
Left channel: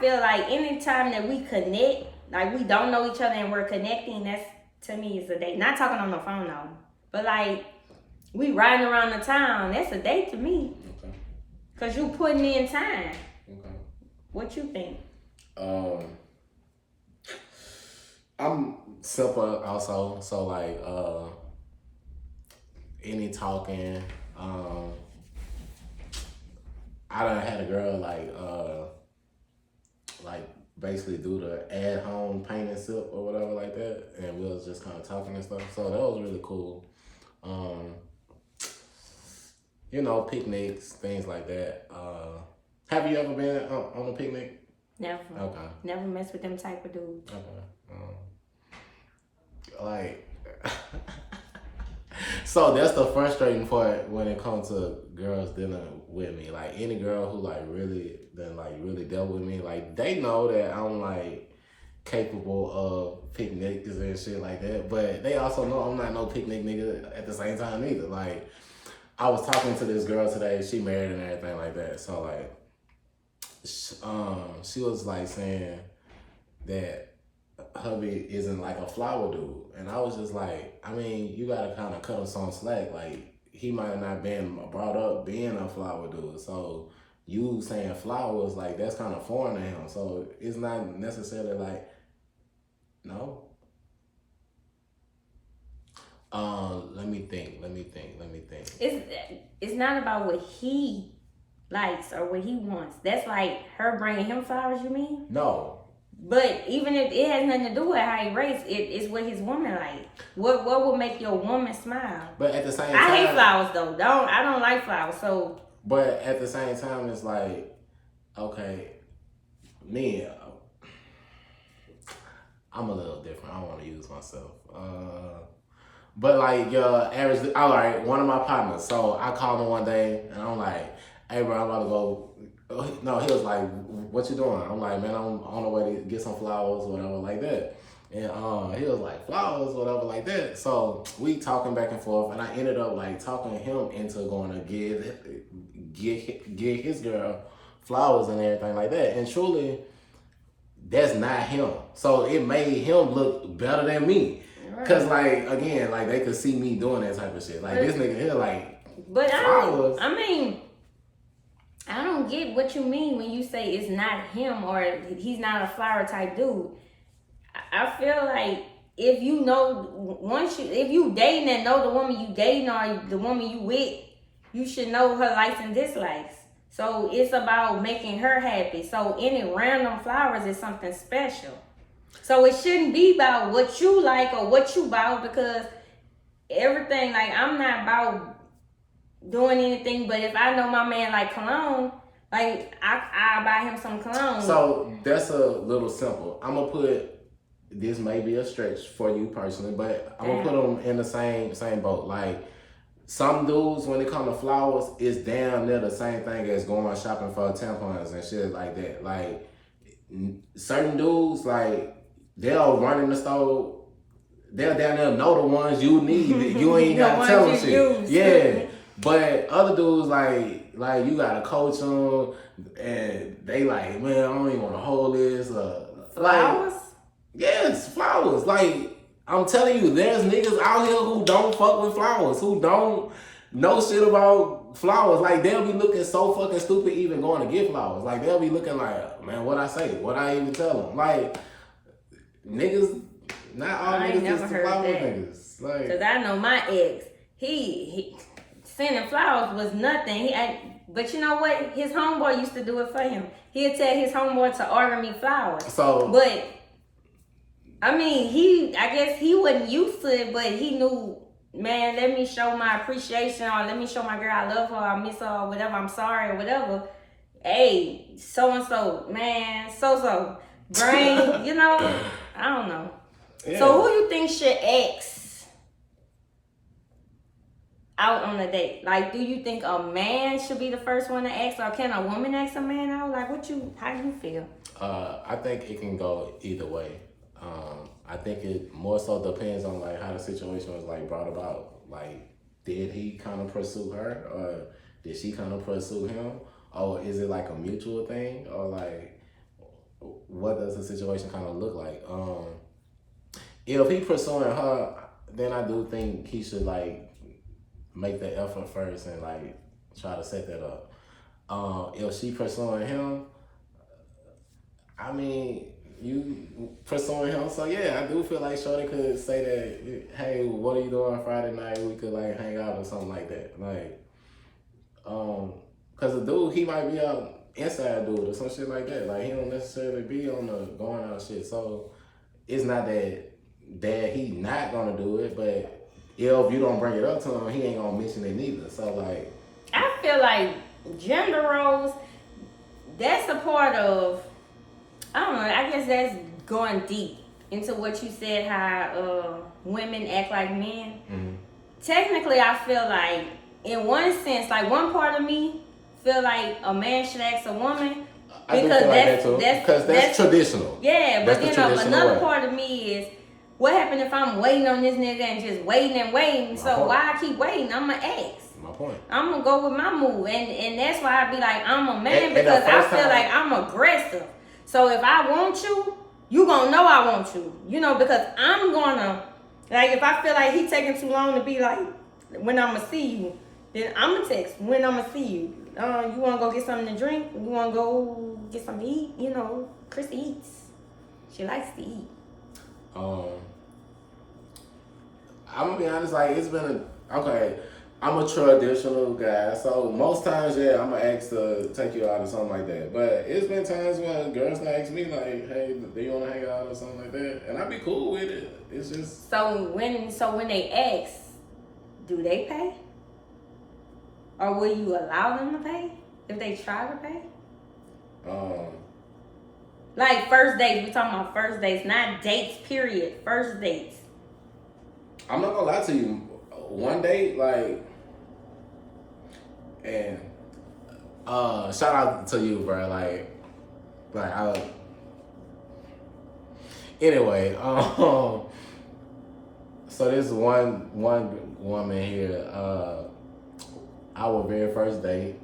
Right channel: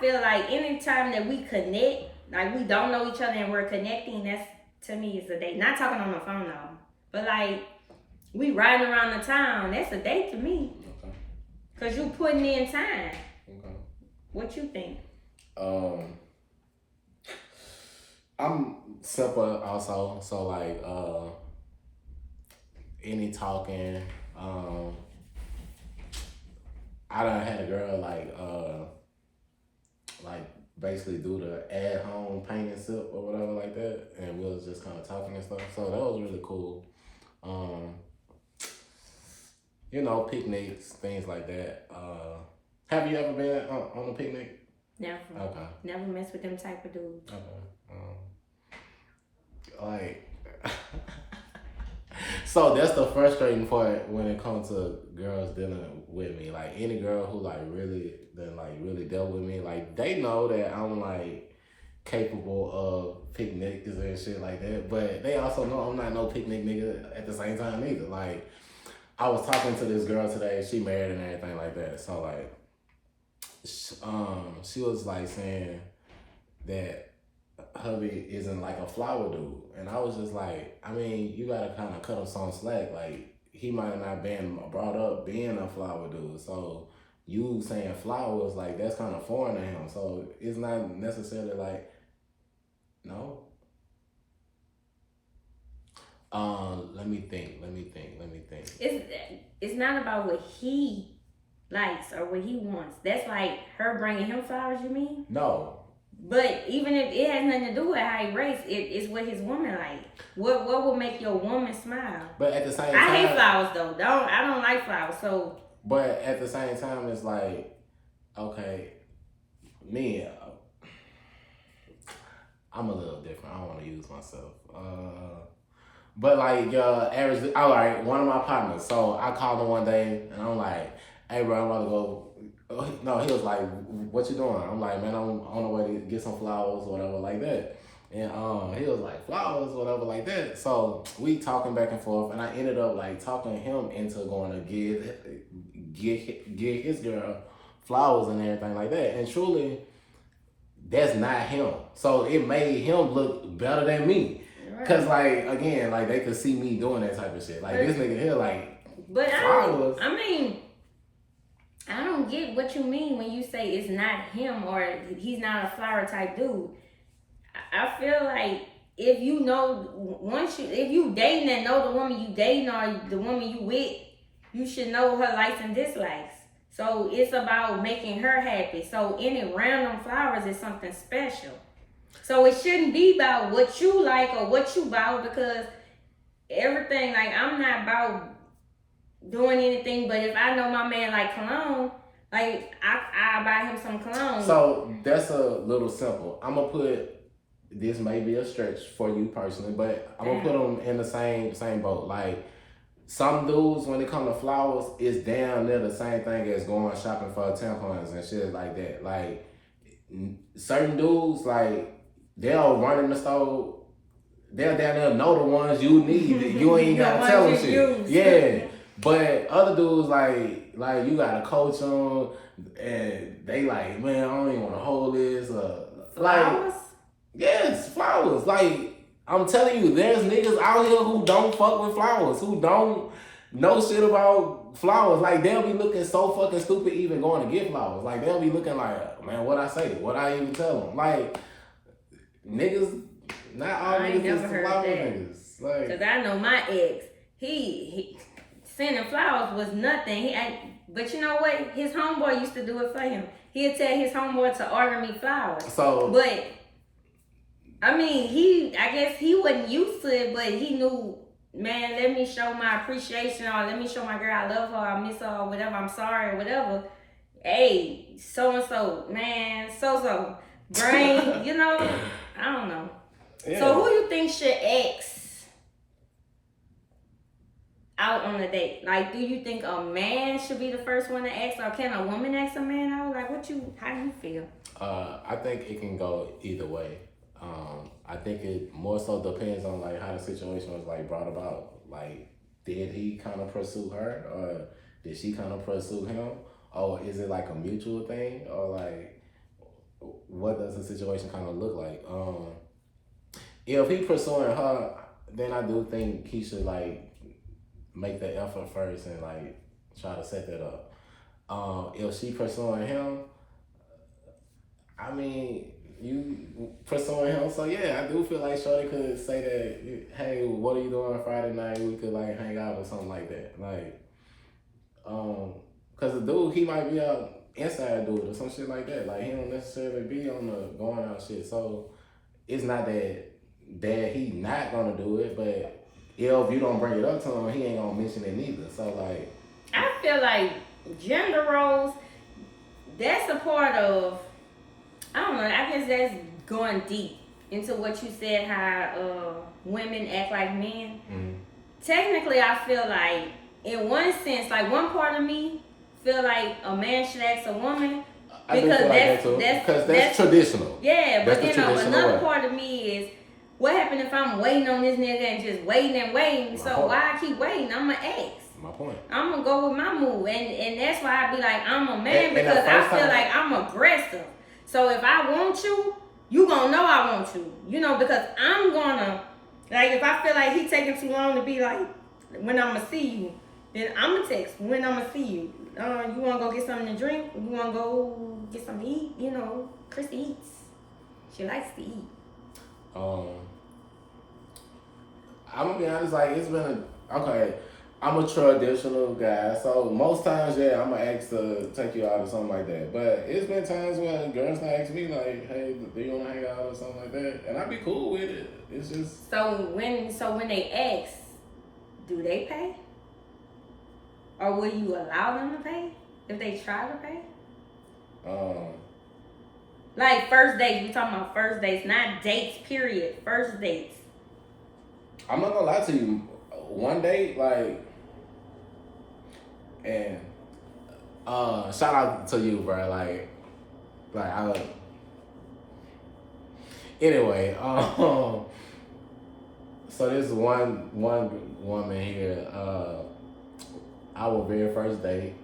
feel like anytime that we connect, like we don't know each other and we're connecting, that's to me is a date. Not talking on the phone though, but like we riding around the town, that's a date to me. Okay. Cause you putting in time. Okay. What you think? I'm simple also, so like any talking. I done had a girl like basically do the at home paint and sip or whatever like that, and we was just kind of talking and stuff. So that was really cool. You know, picnics, things like that. Have you ever been on a picnic? Never. Okay. Never mess with them type of dudes. Okay. Like, so that's the frustrating part when it comes to girls dealing with me. Like any girl who really dealt with me, like they know that I'm like capable of picnics and shit like that. But they also know I'm not no picnic nigga at the same time either. Like I was talking to this girl today, she married and everything like that. So like, she was like saying that hubby isn't like a flower dude, and I was just like, I mean, you gotta kind of cut him some slack. Like he might have not been brought up being a flower dude, so you saying flowers like that's kind of foreign to him. So it's not necessarily like no. Let me think. It's not about what he likes or what he wants. That's like her bringing him flowers. You mean? No. But even if it has nothing to do with how he raised, it's what his woman like. What would make your woman smile? But at the same time, I hate flowers though. I don't like flowers. So. But at the same time, it's like, okay, me, I'm a little different. I don't want to use myself. But like average, all right, one of my partners. So I called him one day and I'm like, hey bro, I'm about to go. No, he was like, what you doing? I'm like, man, I'm on the way to get some flowers, whatever like that. And he was like, flowers, whatever like that. So we talking back and forth, and I ended up like talking him into going to get his girl flowers and everything like that. And truly, that's not him. So it made him look better than me. Cause like again, like they could see me doing that type of shit. Like this nigga here, like flowers. I don't get what you mean when you say it's not him or he's not a flower type dude. I feel like if you know if you dating and know the woman you dating or the woman you with, you should know her likes and dislikes. So it's about making her happy. So any random flowers is something special. So it shouldn't be about what you like or what you about, because everything, like I'm not about doing anything, but if I know my man like cologne, like I buy him some cologne. So that's a little simple. I'm gonna put, this may be a stretch for you personally, but I'm gonna put them in the same boat. Like some dudes, when it comes to flowers, it's damn near the same thing as going shopping for tampons and shit like that. Like certain dudes, like they'll run in the store, they'll down there know the ones you need. You ain't gotta tell them shit. Yeah. But other dudes, like you gotta coach them, and they like, man, I don't even want to hold this. Flowers? Like, yes, flowers. Like, I'm telling you, there's niggas out here who don't fuck with flowers, who don't know shit about flowers. Like, they'll be looking so fucking stupid even going to get flowers. Like, they'll be looking like, man, what I say? What I even tell them? Like, niggas, not all niggas is the flower niggas. Like, cause I know my ex, he sending flowers was nothing. But you know what? His homeboy used to do it for him. He'd tell his homeboy to order me flowers. So, but I mean, I guess he wasn't used to it, but he knew, man, let me show my appreciation, or let me show my girl I love her, I miss her, or whatever, I'm sorry, or whatever. Hey, so-and-so, man, so-so. Brain, you know, I don't know. Yeah. So who you think should ex out on a date? Like, do you think a man should be the first one to ex, or can a woman ex a man out? Like, how do you feel? I think it can go either way. I think it more so depends on like how the situation was like brought about. Like, did he kind of pursue her, or did she kind of pursue him, or is it like a mutual thing, or like what does the situation kind of look like? If he pursuing her, then I do think he should like make the effort first and like try to set that up. If she pursuing him, I mean, you pursuing him, so yeah, I do feel like Shorty could say that, hey, what are you doing Friday night? We could like hang out or something like that. Like, cause the dude, he might be a inside dude or some shit like that. Like he don't necessarily be on the going out shit. So it's not that he not gonna do it, but if you don't bring it up to him, he ain't gonna mention it neither. So like, I feel like gender roles, that's a part of, I don't know, I guess that's going deep into what you said, how women act like men. mm-hmm. Technically, I feel like, in one sense, like one part of me feel like a man should ask a woman. I do feel like that too, because that's traditional. Yeah, that's but the then traditional another way. part of me is, what happened if I'm waiting on this nigga and just waiting and waiting? So why I keep waiting? I'm an ex. My point. I'm gonna go with my move, and that's why I be like, I'm a man, because I feel like I'm aggressive. So if I want you gonna know I want you. You know, because I'm gonna, like, if I feel like he taking too long to be like, when I'm gonna see you, then I'm gonna text when I'm gonna see you. You wanna go get something to drink? You wanna go get something to eat? You know, Krissy eats. She likes to eat. I'm gonna be honest, like it's been I'm a traditional guy, so most times, yeah, I'm gonna ask to take you out or something like that. But it's been times when girls ask me like, "Hey, do you wanna hang out or something like that?" And I'd be cool with it. It's just so when they ask, do they pay, or will you allow them to pay if they try to pay? Like first dates, we talking about first dates, not dates. Period. First dates. I'm not gonna lie to you. One date, like, and shout out to you, bro. Like I. Anyway, so this one woman here, our very first date,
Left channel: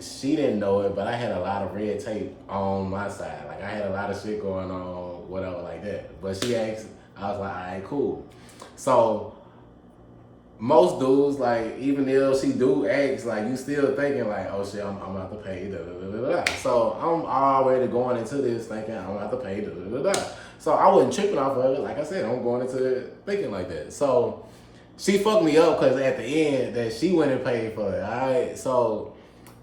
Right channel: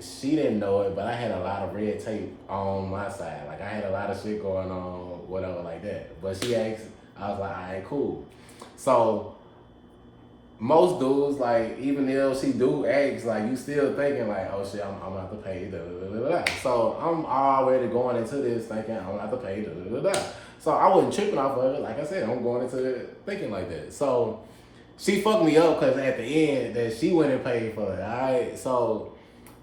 she didn't know it, but I had a lot of red tape on my side. Like I had a lot of shit going on, whatever, like that. But she asked, I was like, all right, cool. So most dudes, like, even if she do ask, like, you still thinking like, oh shit, I'm gonna have to pay, da da da da da. So I'm already going into this thinking I'm gonna have to pay, da da da da. So I wasn't tripping off of it. Like I said, I'm going into it thinking like that. So she fucked me up because at the end that she went and paid for it. All right, so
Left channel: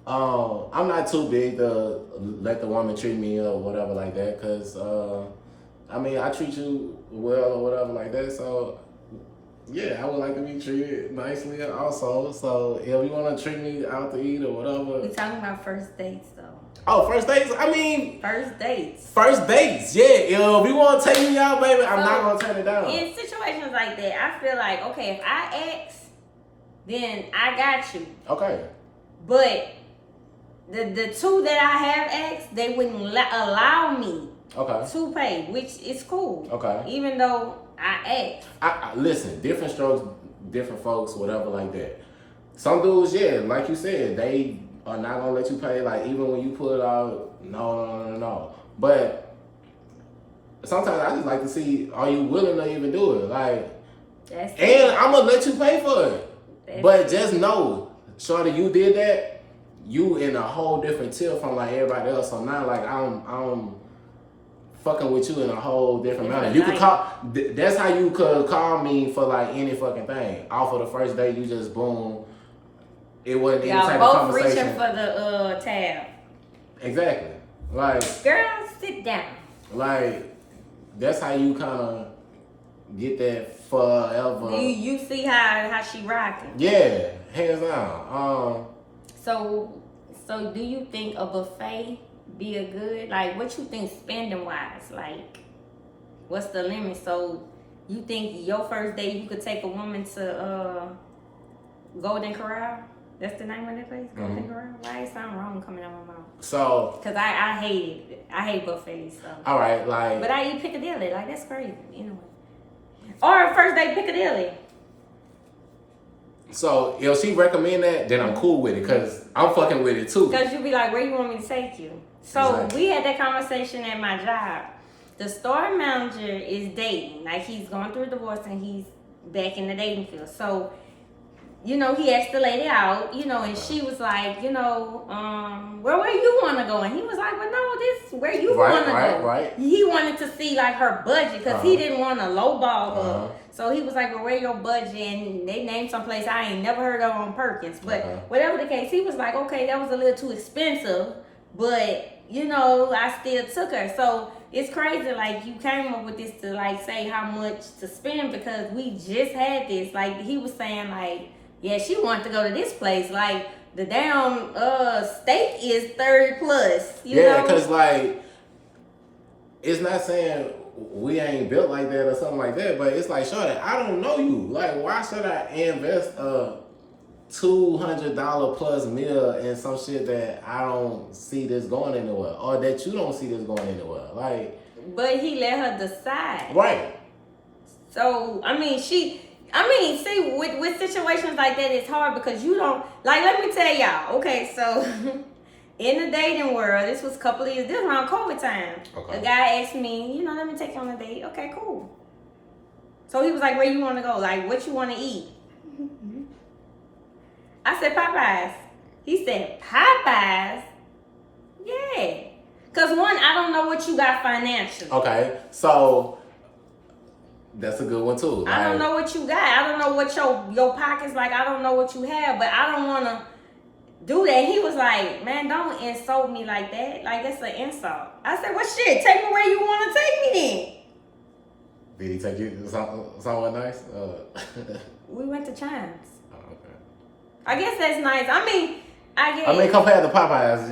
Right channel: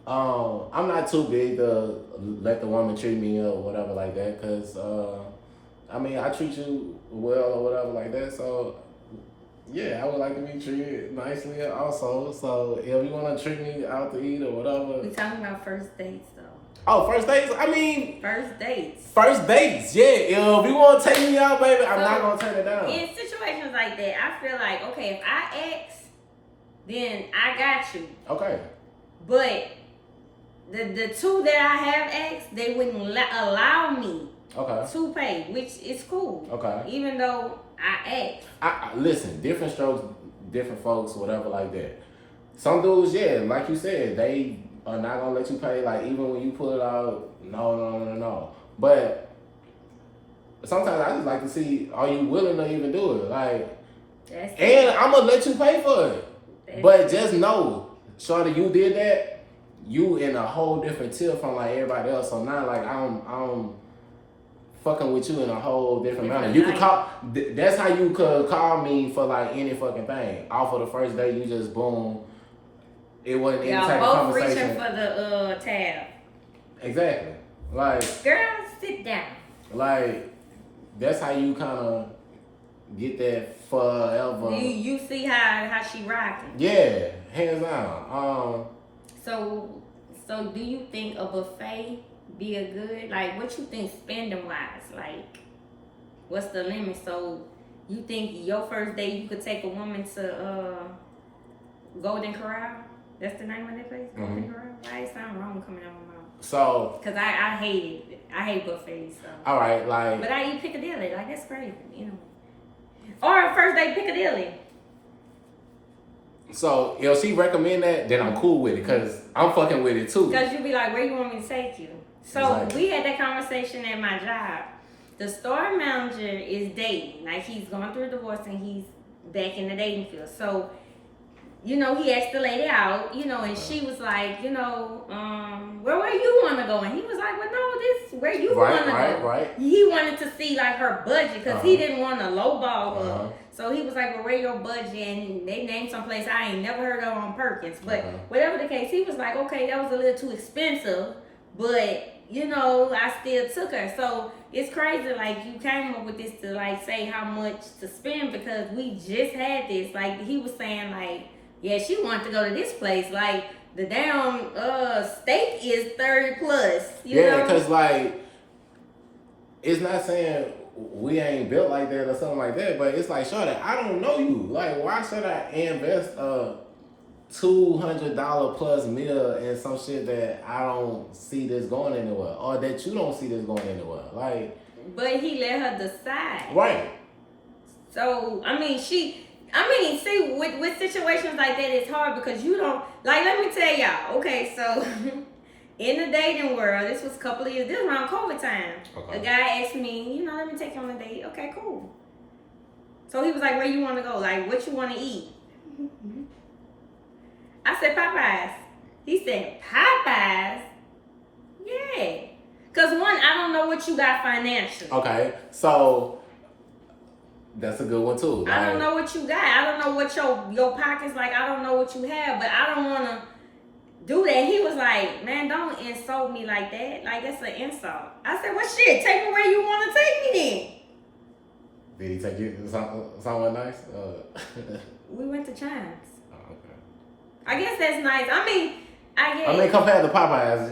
I'm not too big to let the woman treat me or whatever like that, because I mean, I treat you well or whatever like that. So yeah, I would like to be treated nicely also. So if you want to treat me out to eat or whatever. We talking about first dates though. Oh, first dates? I mean, first dates. First dates, yeah. If you want to take me out, baby, I'm not going to turn it down. In situations like that, I feel like, okay, if I ask, then I got you. Okay. But the two that I have asked, they wouldn't allow me to pay, which is cool. Okay. Even though I asked. I listen, different strokes, different folks, whatever like that. Some dudes, yeah, like you said, they are not going to let you pay. Like, even when you pull it out, no. But sometimes I just like to see, are you willing to even do it? Like, and I'm going to let you pay for it. But just know, shorty, you did that, you in a whole different tier from like everybody else. So now, like, I'm fucking with you in a whole different manner. You could call, that's how you could call me for like any fucking thing. Off of the first day, you just boom. It wasn't any type of conversation. Reaching for the tab. Exactly. Like, girl, sit down. Like, that's how you kind of get that forever. You see how she rocking. Yeah, hands down. So do you think a buffet be a good, like, what you think spending wise? Like, what's the limit? So you think your first date you could take a woman to Golden Corral? That's the name of that place? Golden Corral? Why it sound wrong coming out of my mouth? So, because I hate buffets. So. All right, like. But I eat Piccadilly. Like, that's crazy. Anyway. Or first date Piccadilly. So if she recommend that, then I'm cool with it because I'm fucking with it too. Because you be like, where you want me to take you? So Exactly. we had that conversation at my job. The store manager is dating. Like, he's going through a divorce and he's back in the dating field. So, you know, he asked the lady out, you know, and she was like, you know, where you want to go? And he was like, well, no, this where you want to go. Right. He wanted to see, like, her budget because he didn't want to lowball her. So he was like, well, where your budget? And they named some place I ain't never heard of on Perkins. But whatever the case, he was like, okay, that was a little too expensive. But, you know, I still took her. So it's crazy, like, you came up with this to, like, say how much to spend because we just had this. Like, he was saying, like, yeah, she wanted to go to this place. Like, the damn steak is 30 plus. You know? Because, like, it's not saying we ain't built like that or something like that, but it's like, Shawty, I don't know you. Like, why should I invest a $200 plus meal in some shit that I don't see this going anywhere, or that you don't see this going anywhere? Like, but he let her decide. Right. So, see, with situations like that, it's hard because you don't, like, let me tell y'all, okay, so, in the dating world, this was a couple of years, this was around COVID time. Okay. A guy asked me, you know, let me take you on a date. Okay, cool. So he was like, where you want to go? Like, what you want to eat? I said, Popeyes. He said, Popeyes? Yeah. Because one, I don't know what you got financially. Okay, so that's a good one too. Like, I don't know what you got. I don't know what your pocket's like. I don't know what you have, but I don't want to do that. He was like, man, don't insult me like that. Like, that's an insult. I said, well, shit, take me where you want to take me then. Did he take you somewhere nice? We went to Chimes. Oh, okay. I guess that's nice. I mean, compared to Popeyes,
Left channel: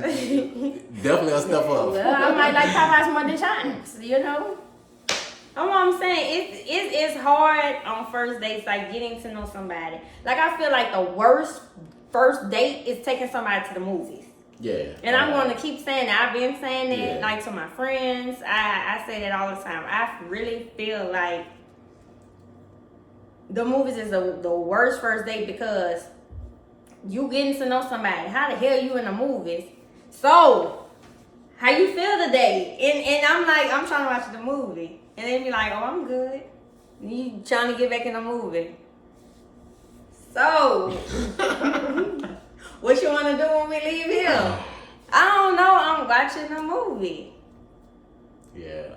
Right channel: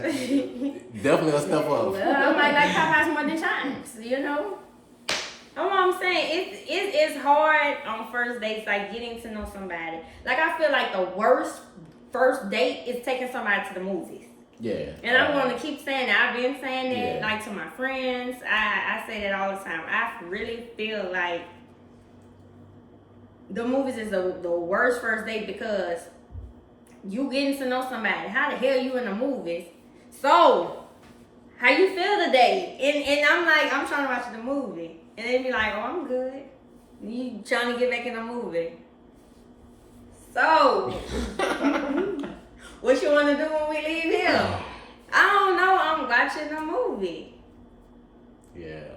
definitely a step up. Well, I might like Popeyes more than Chimes, you know? That's what I'm saying. It's hard on first dates, like getting to know somebody. Like, I feel like the worst first date is taking somebody to the movies. Yeah. And I'm going to keep saying that. I've been saying it, Yeah. like, to my friends. I say that all the time. I really feel like the movies is the worst first date because you getting to know somebody. How the hell you in the movies? So, how you feel today? And I'm like, I'm trying to watch the movie. And they be like, oh, I'm good. You trying to get back in the movie. So, what you want to do when we leave here? I don't know. I'm watching a movie. Yeah.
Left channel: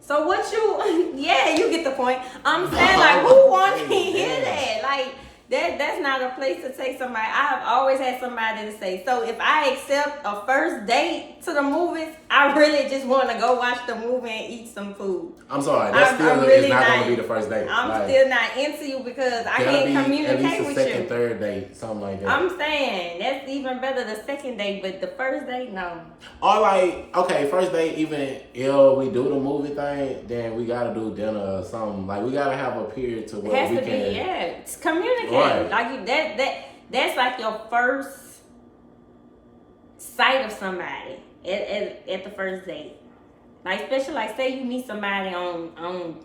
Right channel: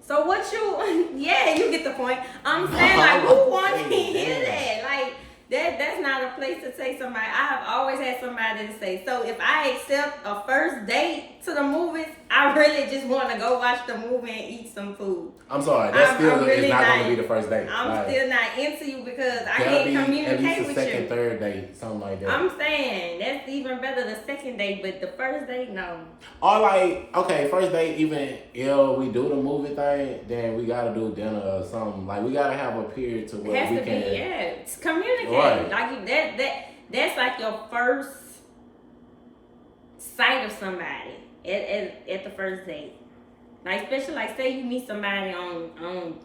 So what you? Yeah, you get the point. I'm saying, like, who wants to hear that? Like, that's not a place to take somebody. I have always had somebody to say. So if I accept a first date to the movies, I really just want to go watch the movie and eat some food. I'm sorry, that still is not going to be the first date. I'm still not into you because I can't communicate with you. At least a second, third date, something like that. I'm saying that's even better the second date, but the first date, no. Or like, okay, first date, even if we do the movie thing, then we gotta do dinner or something. Like, we gotta have a period to where we can. It's communicate. Right. Like that's like your first sight of somebody at the first date. Like, especially like, say you meet somebody on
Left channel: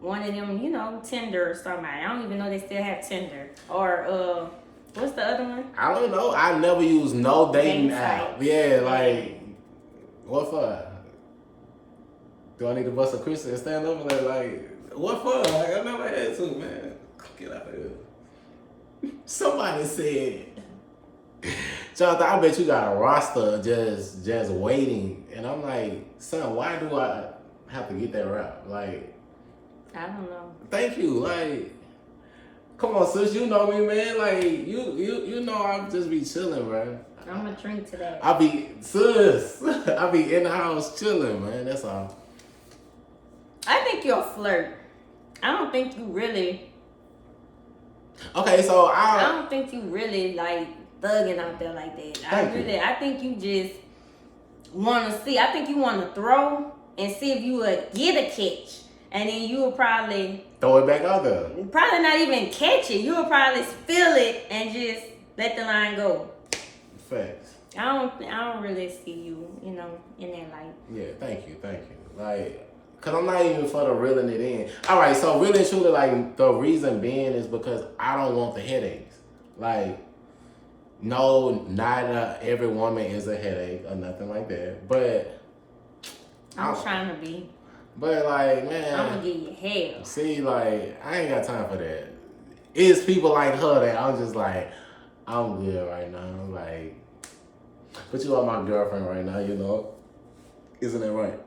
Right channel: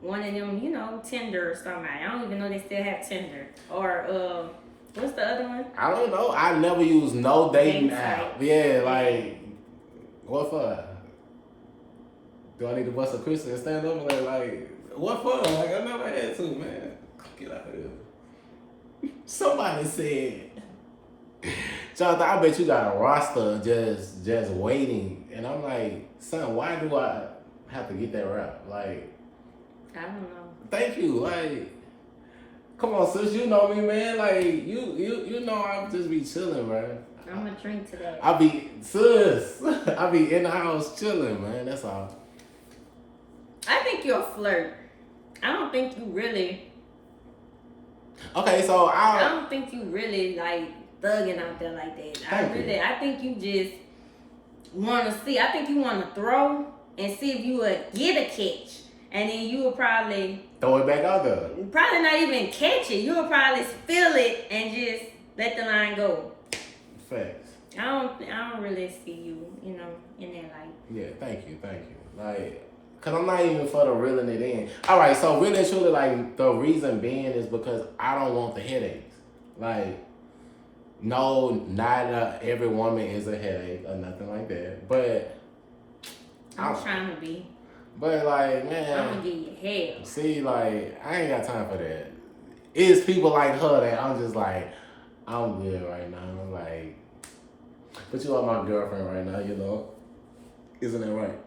one of them, you know, Tinder or somebody. I don't even know they still have Tinder. Or what's the other one? I don't know. I never use no dating app. Yeah, like, what for? Do I need to bust a Chrissy and stand up and like, what for? Like, I never had to, man. Get out of here. Somebody said, Jonathan, I bet you got a roster just waiting. And I'm like, son, why do I have to get that rap? Like, I don't know. Thank you. Like, come on, sis, you know me, man. Like, you know I'll just be chilling, man. I'm gonna drink to that. I be in the house chilling, man. That's all. I think you're a flirt. I don't think you really. Okay, so I don't think you really like thugging out there like that. I think you just want to see. I think you want to throw and see if you would get a catch, and then you would probably throw it back out there. Probably not even catch it. You would probably feel it and just let the line go. Facts. I don't really see you, you know, in that light. Yeah, thank you. Like, Cause I'm not even for the reeling it in. All right, so really and truly, like the reason being is because I don't want the headaches. Like, no, not every woman is a headache or nothing like that. But I'm trying to be. But like, man, I'm gonna give you hell. See, like, I ain't got time for that. It's people like her that I'm just like, I'm good right now. Like, but you are my girlfriend right now, you know. Isn't that right?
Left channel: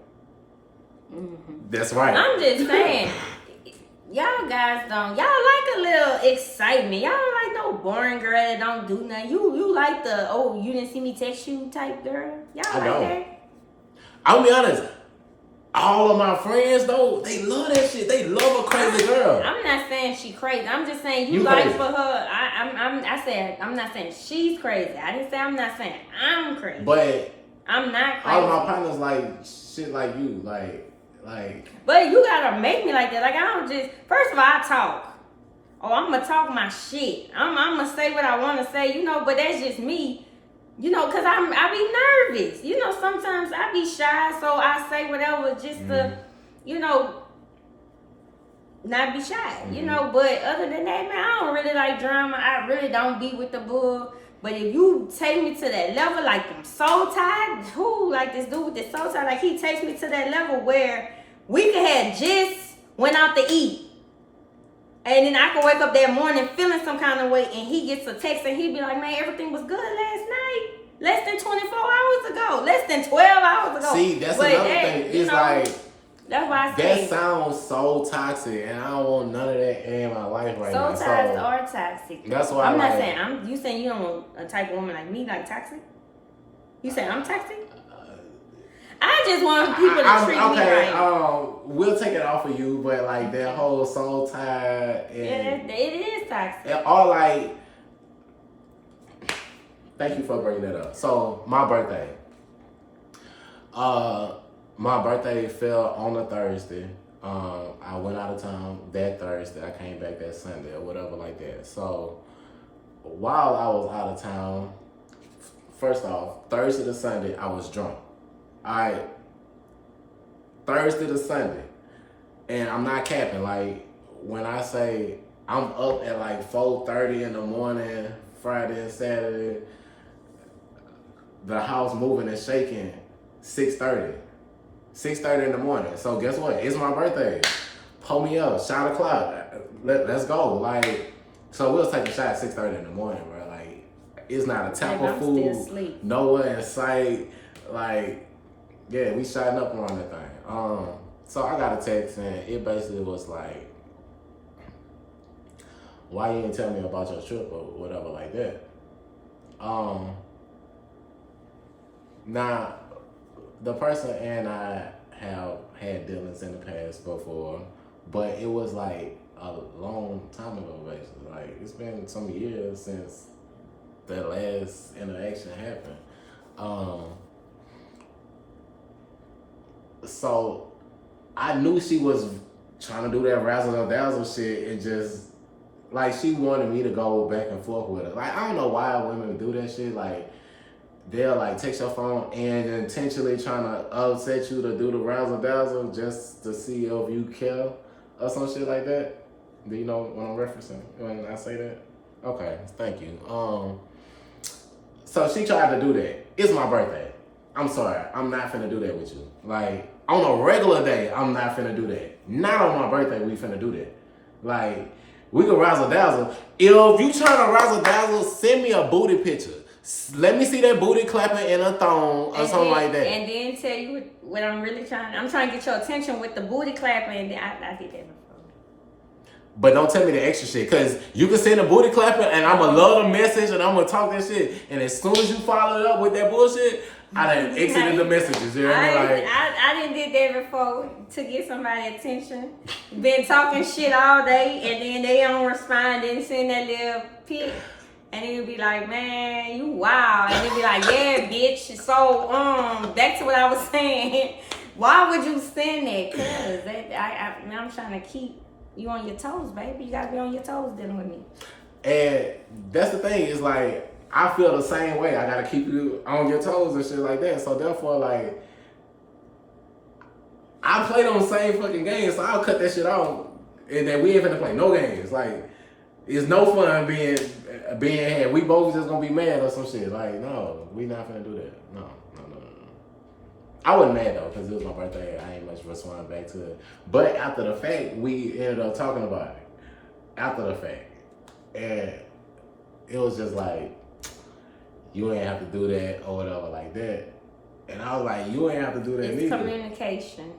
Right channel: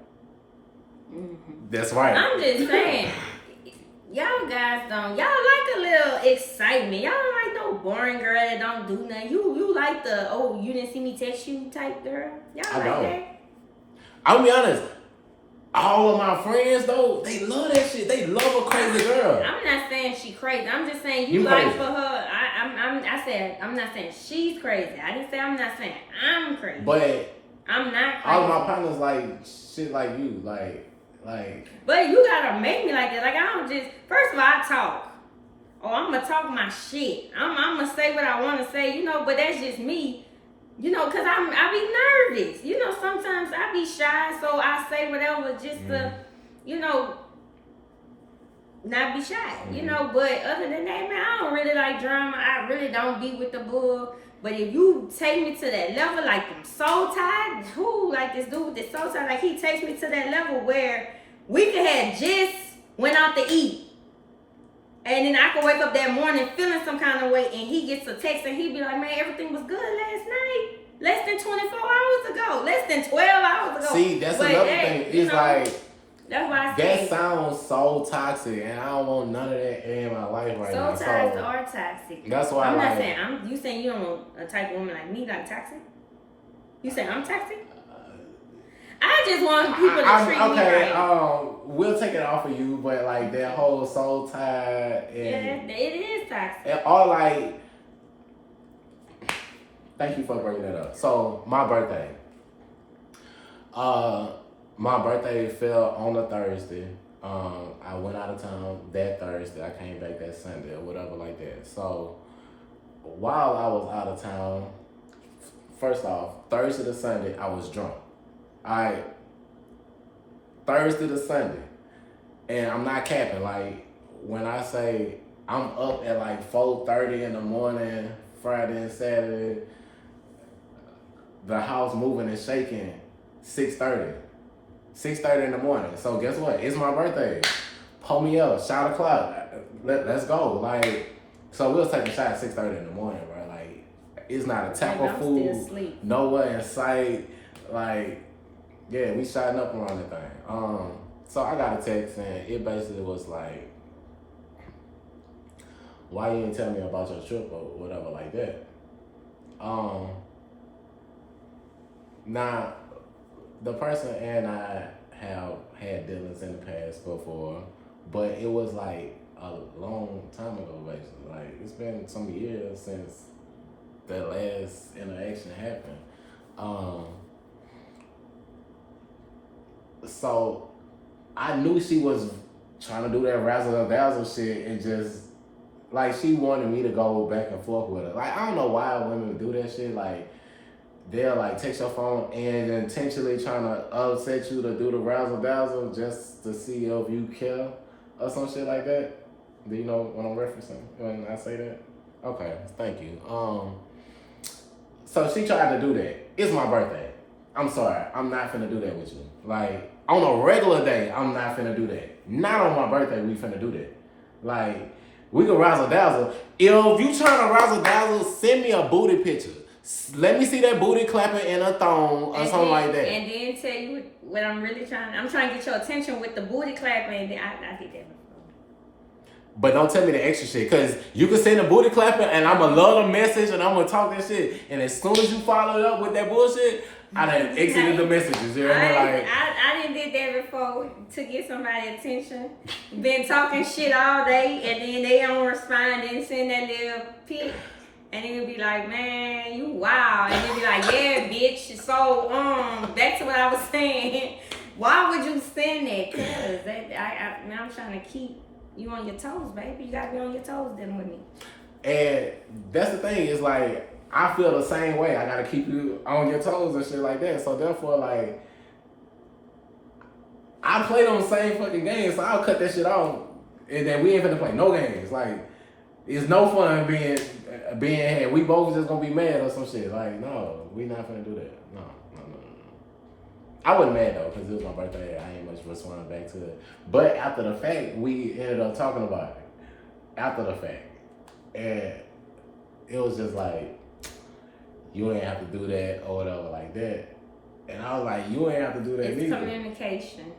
Mm-hmm. That's right. I'm just saying, y'all guys y'all like a little excitement. Y'all don't like no boring girl that don't do nothing. You like the, oh, you didn't see me text you type girl. Y'all I like don't. that? I'll be honest. All of my friends though, they love that shit. They love a crazy girl. I'm not saying she crazy. I'm just saying you like crazy. For her. I said I'm not saying she's crazy. I didn't say I'm not saying I'm crazy. But I'm not crazy. All of my partners like shit like you, like. But you gotta make me like that. Like I don't just. First of all, I talk. Oh, I'm gonna talk my shit. I'm gonna say what I want to say. You know, but that's just me. You know, cause I be nervous. You know, sometimes I be shy, so I say whatever just to, you know, not be shy. You know, but other than that, man, I don't really like drama. I really don't be with the bull. But if you take me to that level, like I'm soul tied, like this dude with the soul tied, like he takes me to that level where we could have just went out to eat. And then I could wake up that morning feeling some kind of way and he gets a text and he be like, man, everything was good last night. Less than 24 hours ago. Less than 12 hours ago. See, that's another thing. It's like, that's why I say that sounds so toxic and I don't want none of that in my life right now. Soul ties are toxic. That's why I'm not saying, you saying you don't want a type of woman like me, like toxic? You saying I'm toxic? I just want people to treat me right. We'll take it off of you, but like that whole soul tie and it is toxic. And all like, thank you for bringing that up. So my birthday fell on a Thursday. I went out of town that Thursday. I came back that Sunday or whatever like that. So while I was out of town, first off, Thursday to Sunday, I was drunk. Thursday to Sunday. And I'm not capping. Like, when I say I'm up at like 4:30 in the morning, Friday and Saturday, the house moving and shaking, 6:30. 6:30 in the morning. So guess what? It's my birthday. Pull me up, shot o'clock. Let's go. Like, so we'll take a shot at 6:30 in the morning, bro. Like, it's not a tap of food, nowhere in sight. Like, yeah, we shotting up around that thing. So I got a text and it basically was like, why you didn't tell me about your trip or whatever like that. Now, the person and I have had dealings in the past before, but it was like a long time ago, basically. Like, it's been some years since that last interaction happened. So I knew she was trying to do that razzle dazzle shit and just like she wanted me to go back and forth with her. Like, I don't know why women do that shit. Like, they'll like text your phone and intentionally trying to upset you to do the razzle dazzle just to see if you care or some shit like that. Do you know what I'm referencing when I say that? Okay, thank you. So she tried to do that. It's my birthday. I'm sorry, I'm not finna do that with you. Like, on a regular day, I'm not finna do that. Not on my birthday, we finna do that. Like, we can razzle dazzle. If you trying to razzle dazzle, send me a booty picture. Let me see that booty clapping in a thong or something like that. And then tell you what I'm really trying. I'm trying to get your attention with the booty clapping. And then I did that before. But don't tell me the extra shit, because you can send a booty clapping and I'm going to love the message and I'm going to talk that shit. And as soon as you follow it up with that bullshit, I done exited the messages. You know what I mean? I didn't did that before to get somebody's attention. Been talking shit all day and then they don't respond and send that little pic. And then you'll be like, man, you wild. And you'll be like, yeah, bitch. So, back to what I was saying. Why would you send that? Because I'm trying to keep you on your toes, baby. You gotta be on your toes dealing with me. And that's the thing, is like, I feel the same way. I gotta keep you on your toes and shit like that. So therefore, like, I play them same fucking games, so I'll cut that shit off. And then we ain't finna play no games. Like, it's no fun being here. We both just gonna be mad or some shit. Like, no, we not finna do that. No. I wasn't mad though, because it was my birthday. I ain't much respond back to it. But after the fact, we ended up talking about it. After the fact. And it was just like, you ain't have to do that or whatever like that. And I was like, you ain't have to do that it's neither. Communication.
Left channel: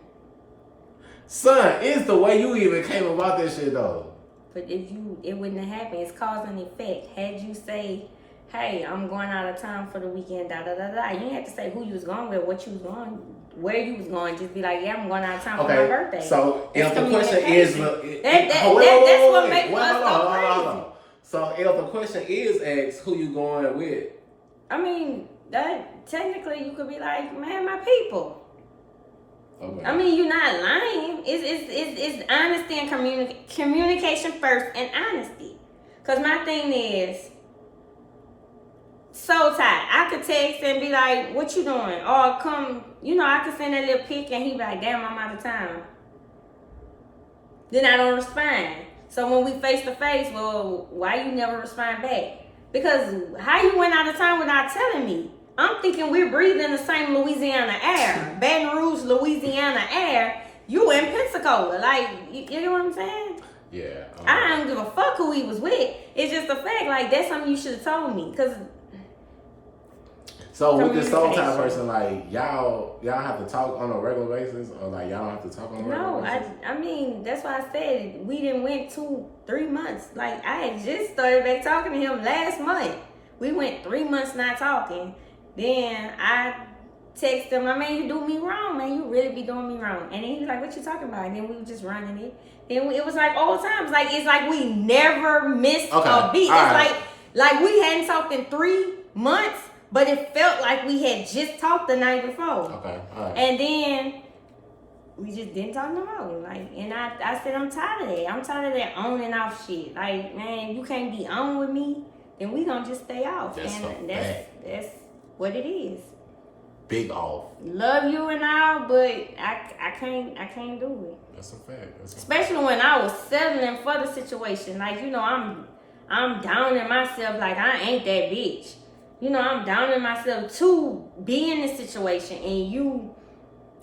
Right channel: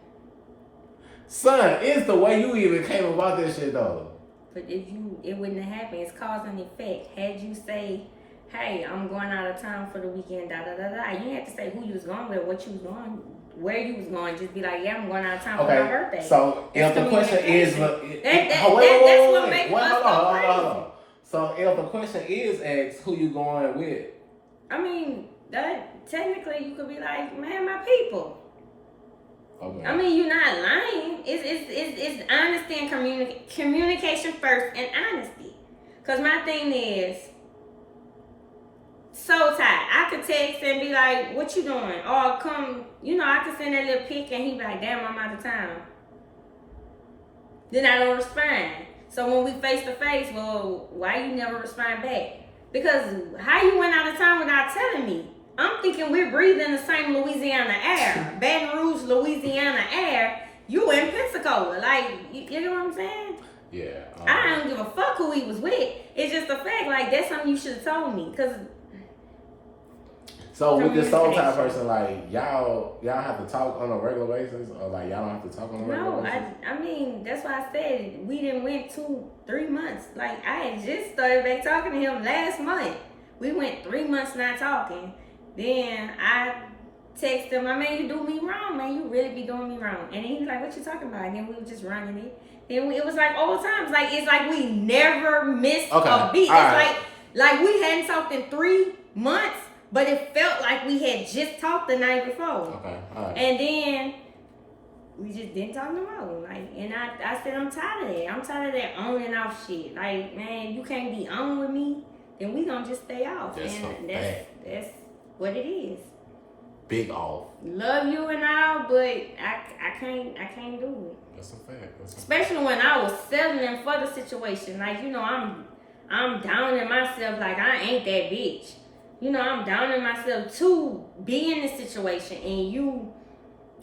Son, it's the way you even came about that shit though. But it wouldn't have happened. It's cause and effect. Had you say, hey, I'm going out of town for the weekend, da da da da. You didn't have to say who you was going with, what you was going, where you was going. Just be like, yeah, I'm going out of town for my birthday. So if the question is, that's what makes us go crazy. So if the question is asked, who you going with? I mean, that technically you could be like, man, my people. Okay. I mean, you're not lying. It's honesty and communication first, and honesty. Cause my thing is, so tight. I could text and be like, what you doing? Or come, I could send that little pic and he be like, damn, I'm out of town. Then I don't respond. So when we face to face, well, why you never respond back? Because how you went out of town without telling me? I'm thinking we're breathing the same Louisiana air. Baton Rouge, Louisiana air. You in Pensacola. Like, you know what I'm saying? Yeah. I don't give a fuck who he was with. It's just a fact. Like, that's something you should have told me. Because... So with this soul tie person, like y'all have to talk on a regular basis, or like y'all don't have to talk on a regular basis? No, I mean that's why I said we didn't went 2-3 months. Like I had just started back talking to him last month. We went 3 months not talking. Then I texted him, I mean, you do me wrong, man. You really be doing me wrong. And then he was like, what you talking about? And then we were just running it. Then it was like old times. Like it's like we never missed a beat. It's like we hadn't talked in 3 months. But it felt like we had just talked the night before. Okay, all right. And then we just didn't talk no more. Like, and I said, I'm tired of that. I'm tired of that on and off shit. Like, man, you can't be on with me, then we gonna just stay off. That's That's what it is. Big off. Love you and all, but I can't do it. That's a fact. Especially when I was settling for the situation. Like, I'm down in myself like I ain't that bitch. I'm down in myself to be in this situation and you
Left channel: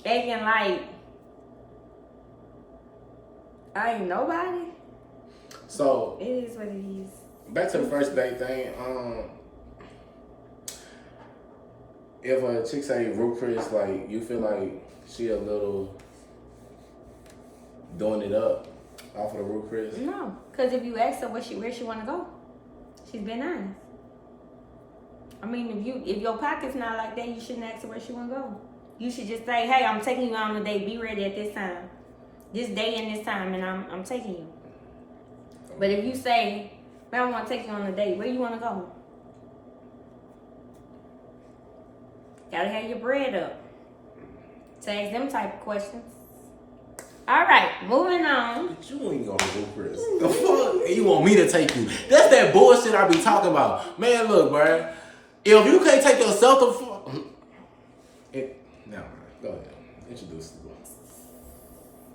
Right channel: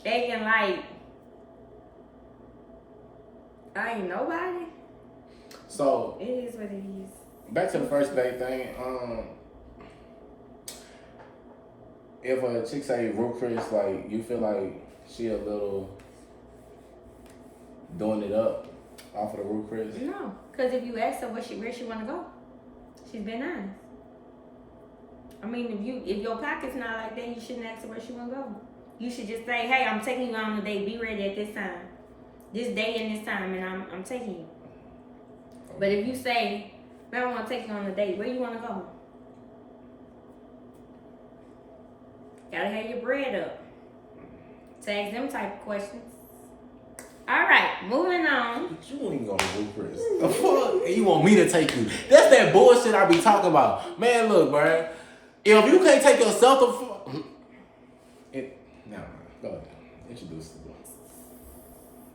acting like I ain't nobody. So it is what it is. Back to the first date thing. If a chick say Ruth Chris, like you feel like she a little doing it up off of the Ruth Chris? No, because if you ask her where she want to go, she's been honest. I mean, if your pocket's not like that, you shouldn't ask her where she want to go. You should just say, hey, I'm taking you on a date. Be ready at this time. This day and this time, and I'm taking you. But if you say, man, I want to take you on a date, where you want to go? Gotta have your bread up. To ask them type of questions. All right, moving on. But you ain't gonna do Chris. The fuck? You want me to take you? That's that bullshit I be talking about. Man, look, bro. If you can't take yourself the fuck... No, go ahead. Introduce the book.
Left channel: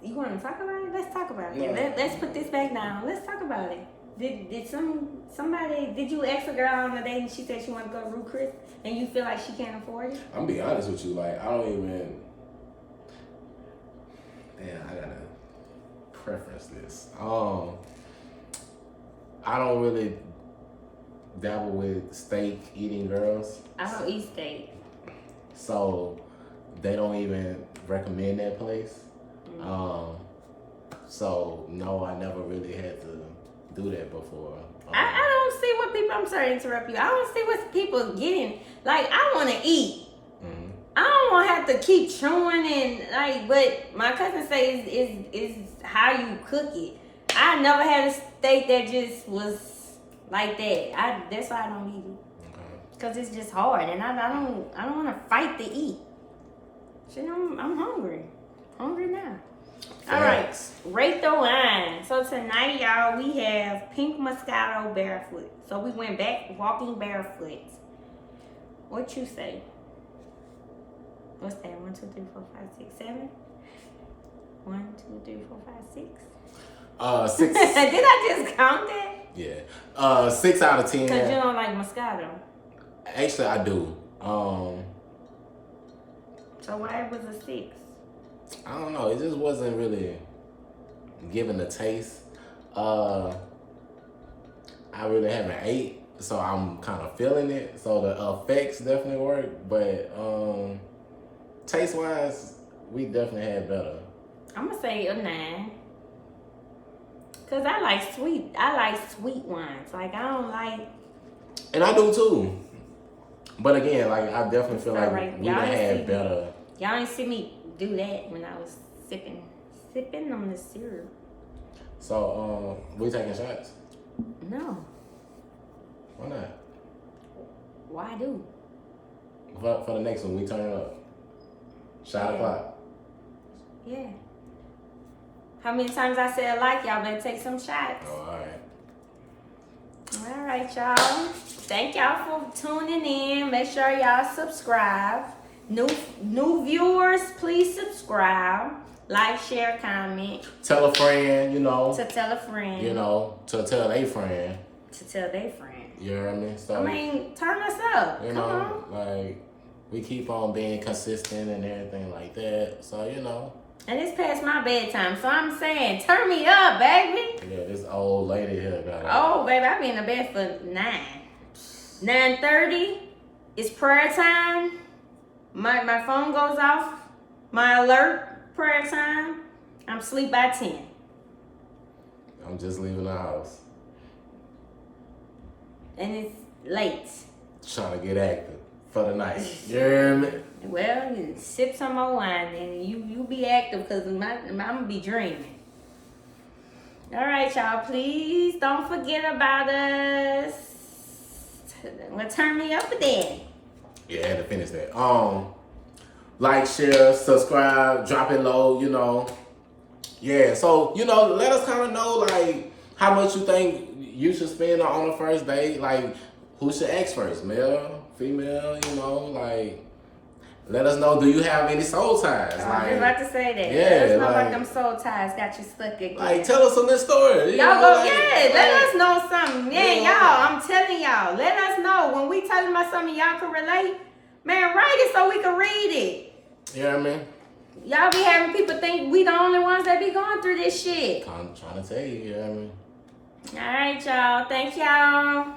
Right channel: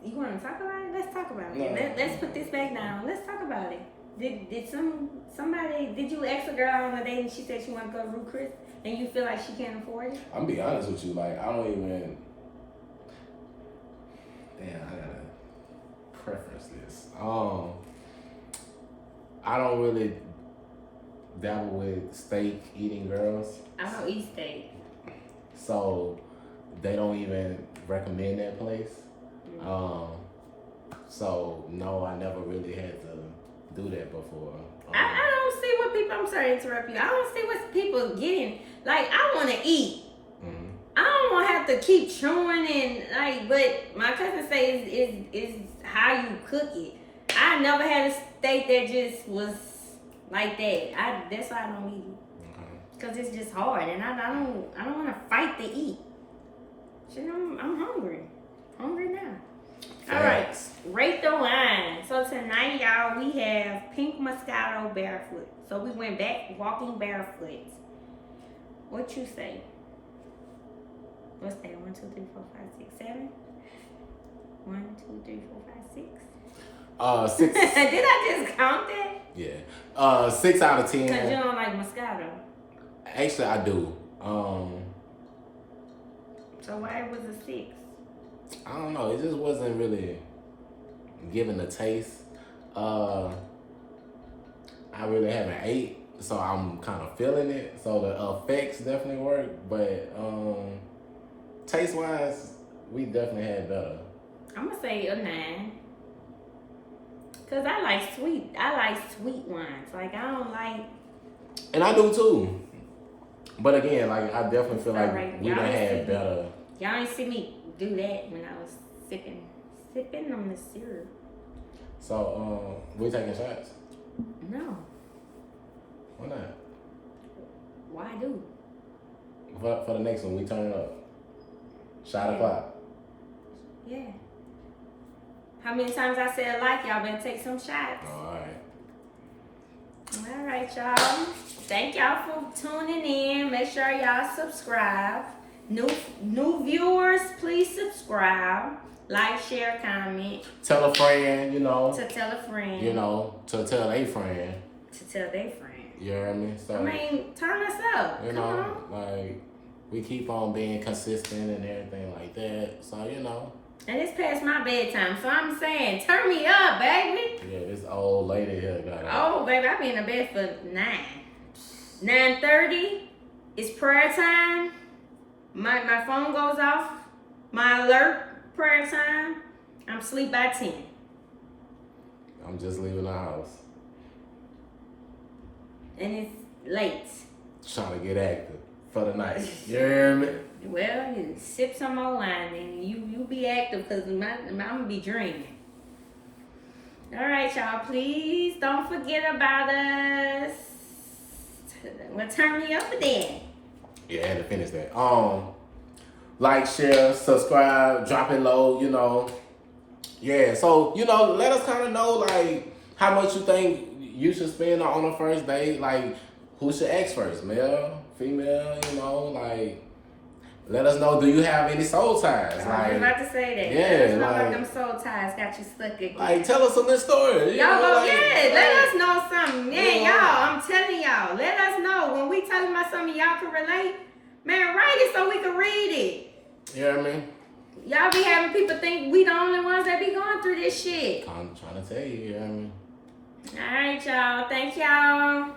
You want to talk about it? Let's talk about it. No. Let's put this back down. Let's talk about it. Did somebody, did you ask a girl on a date and she said she wanted to go to Ruth Chris and you feel like she can't afford it? I'm gonna be honest with you. Like, I don't even... Damn, I gotta preference this. I don't really dabble with steak eating girls. I don't eat steak. So they don't even recommend that place. Mm-hmm. So no, I never really had to do that before. I don't see what people, I'm sorry to interrupt you. I don't see what people getting. Like, I want to eat. Mm-hmm. I don't want to have to keep chewing and like, but my cousin says is how you cook it. I never had a steak that just was like that. That's why I don't eat it. Okay. Cause it's just hard, and I don't want to fight to eat. Shit, I'm hungry. Hungry now. All right, rate the wine. So tonight, y'all, we have Pink Moscato Barefoot. So we went back walking barefoot. What you say? What's that? 1, 2, 3, 4, 5, 6, 7. 3, 4, 5, 6. 6. Did I just count that? Yeah. 6 out of 10. Because you don't like Moscato. Actually, I do. So why was it 6? I don't know. It just wasn't really giving the taste. I really haven't ate, so I'm kind of feeling it. So the effects definitely work, but taste wise, we definitely had better. I'm gonna say a 9. Cause I like sweet wines. Like I don't like. And I do too. But again, like I definitely feel like Alright, we done had better. Y'all didn't see me do that when I was sipping on the syrup. So we taking shots? No. Why not? Why do? For the next one, we turn it up. Shot o'clock. Yeah. How many times I said like, y'all better take some shots. All right. All right, y'all. Thank y'all for tuning in. Make sure y'all subscribe. New viewers, please subscribe. Like, share, comment. Tell a friend, To tell a friend. to tell a friend. To tell their friend. You know what I mean? So, I mean, turn us up. You Come know, on. like, we keep on being consistent and everything like that. So, And it's past my bedtime, so I'm saying, turn me up, baby. Yeah, this old lady here got it. Oh, baby, I be in the bed for 9. 9:30, it's prayer time. My phone goes off. My alert, prayer time. I'm asleep by 10. I'm just leaving the house. And it's late. Trying to get active for the night. You hear me? Well, you sip some more wine and you be active because I'm going to be dreaming. All right, y'all. Please don't forget about us. Well, turn me up then. Yeah, I had to finish that. Like, share, subscribe, drop it low, Yeah, so, let us kind of know, like, how much you think you should spend on a first date. Like, who should ask first? Male, female, like, let us know, do you have any soul ties? I was about to say that. Yeah, It's not like them soul ties got you stuck in. Like, tell us a little story. Y'all go, like, let us know something. Yeah, you know. y'all, I'm telling y'all. Let us know. When we talking about something y'all can relate, man, write it so we can read it. You know what I mean? Y'all be having people think we the only ones that be going through this shit. I'm trying to tell you, you know what I mean? All right, y'all. Thank y'all.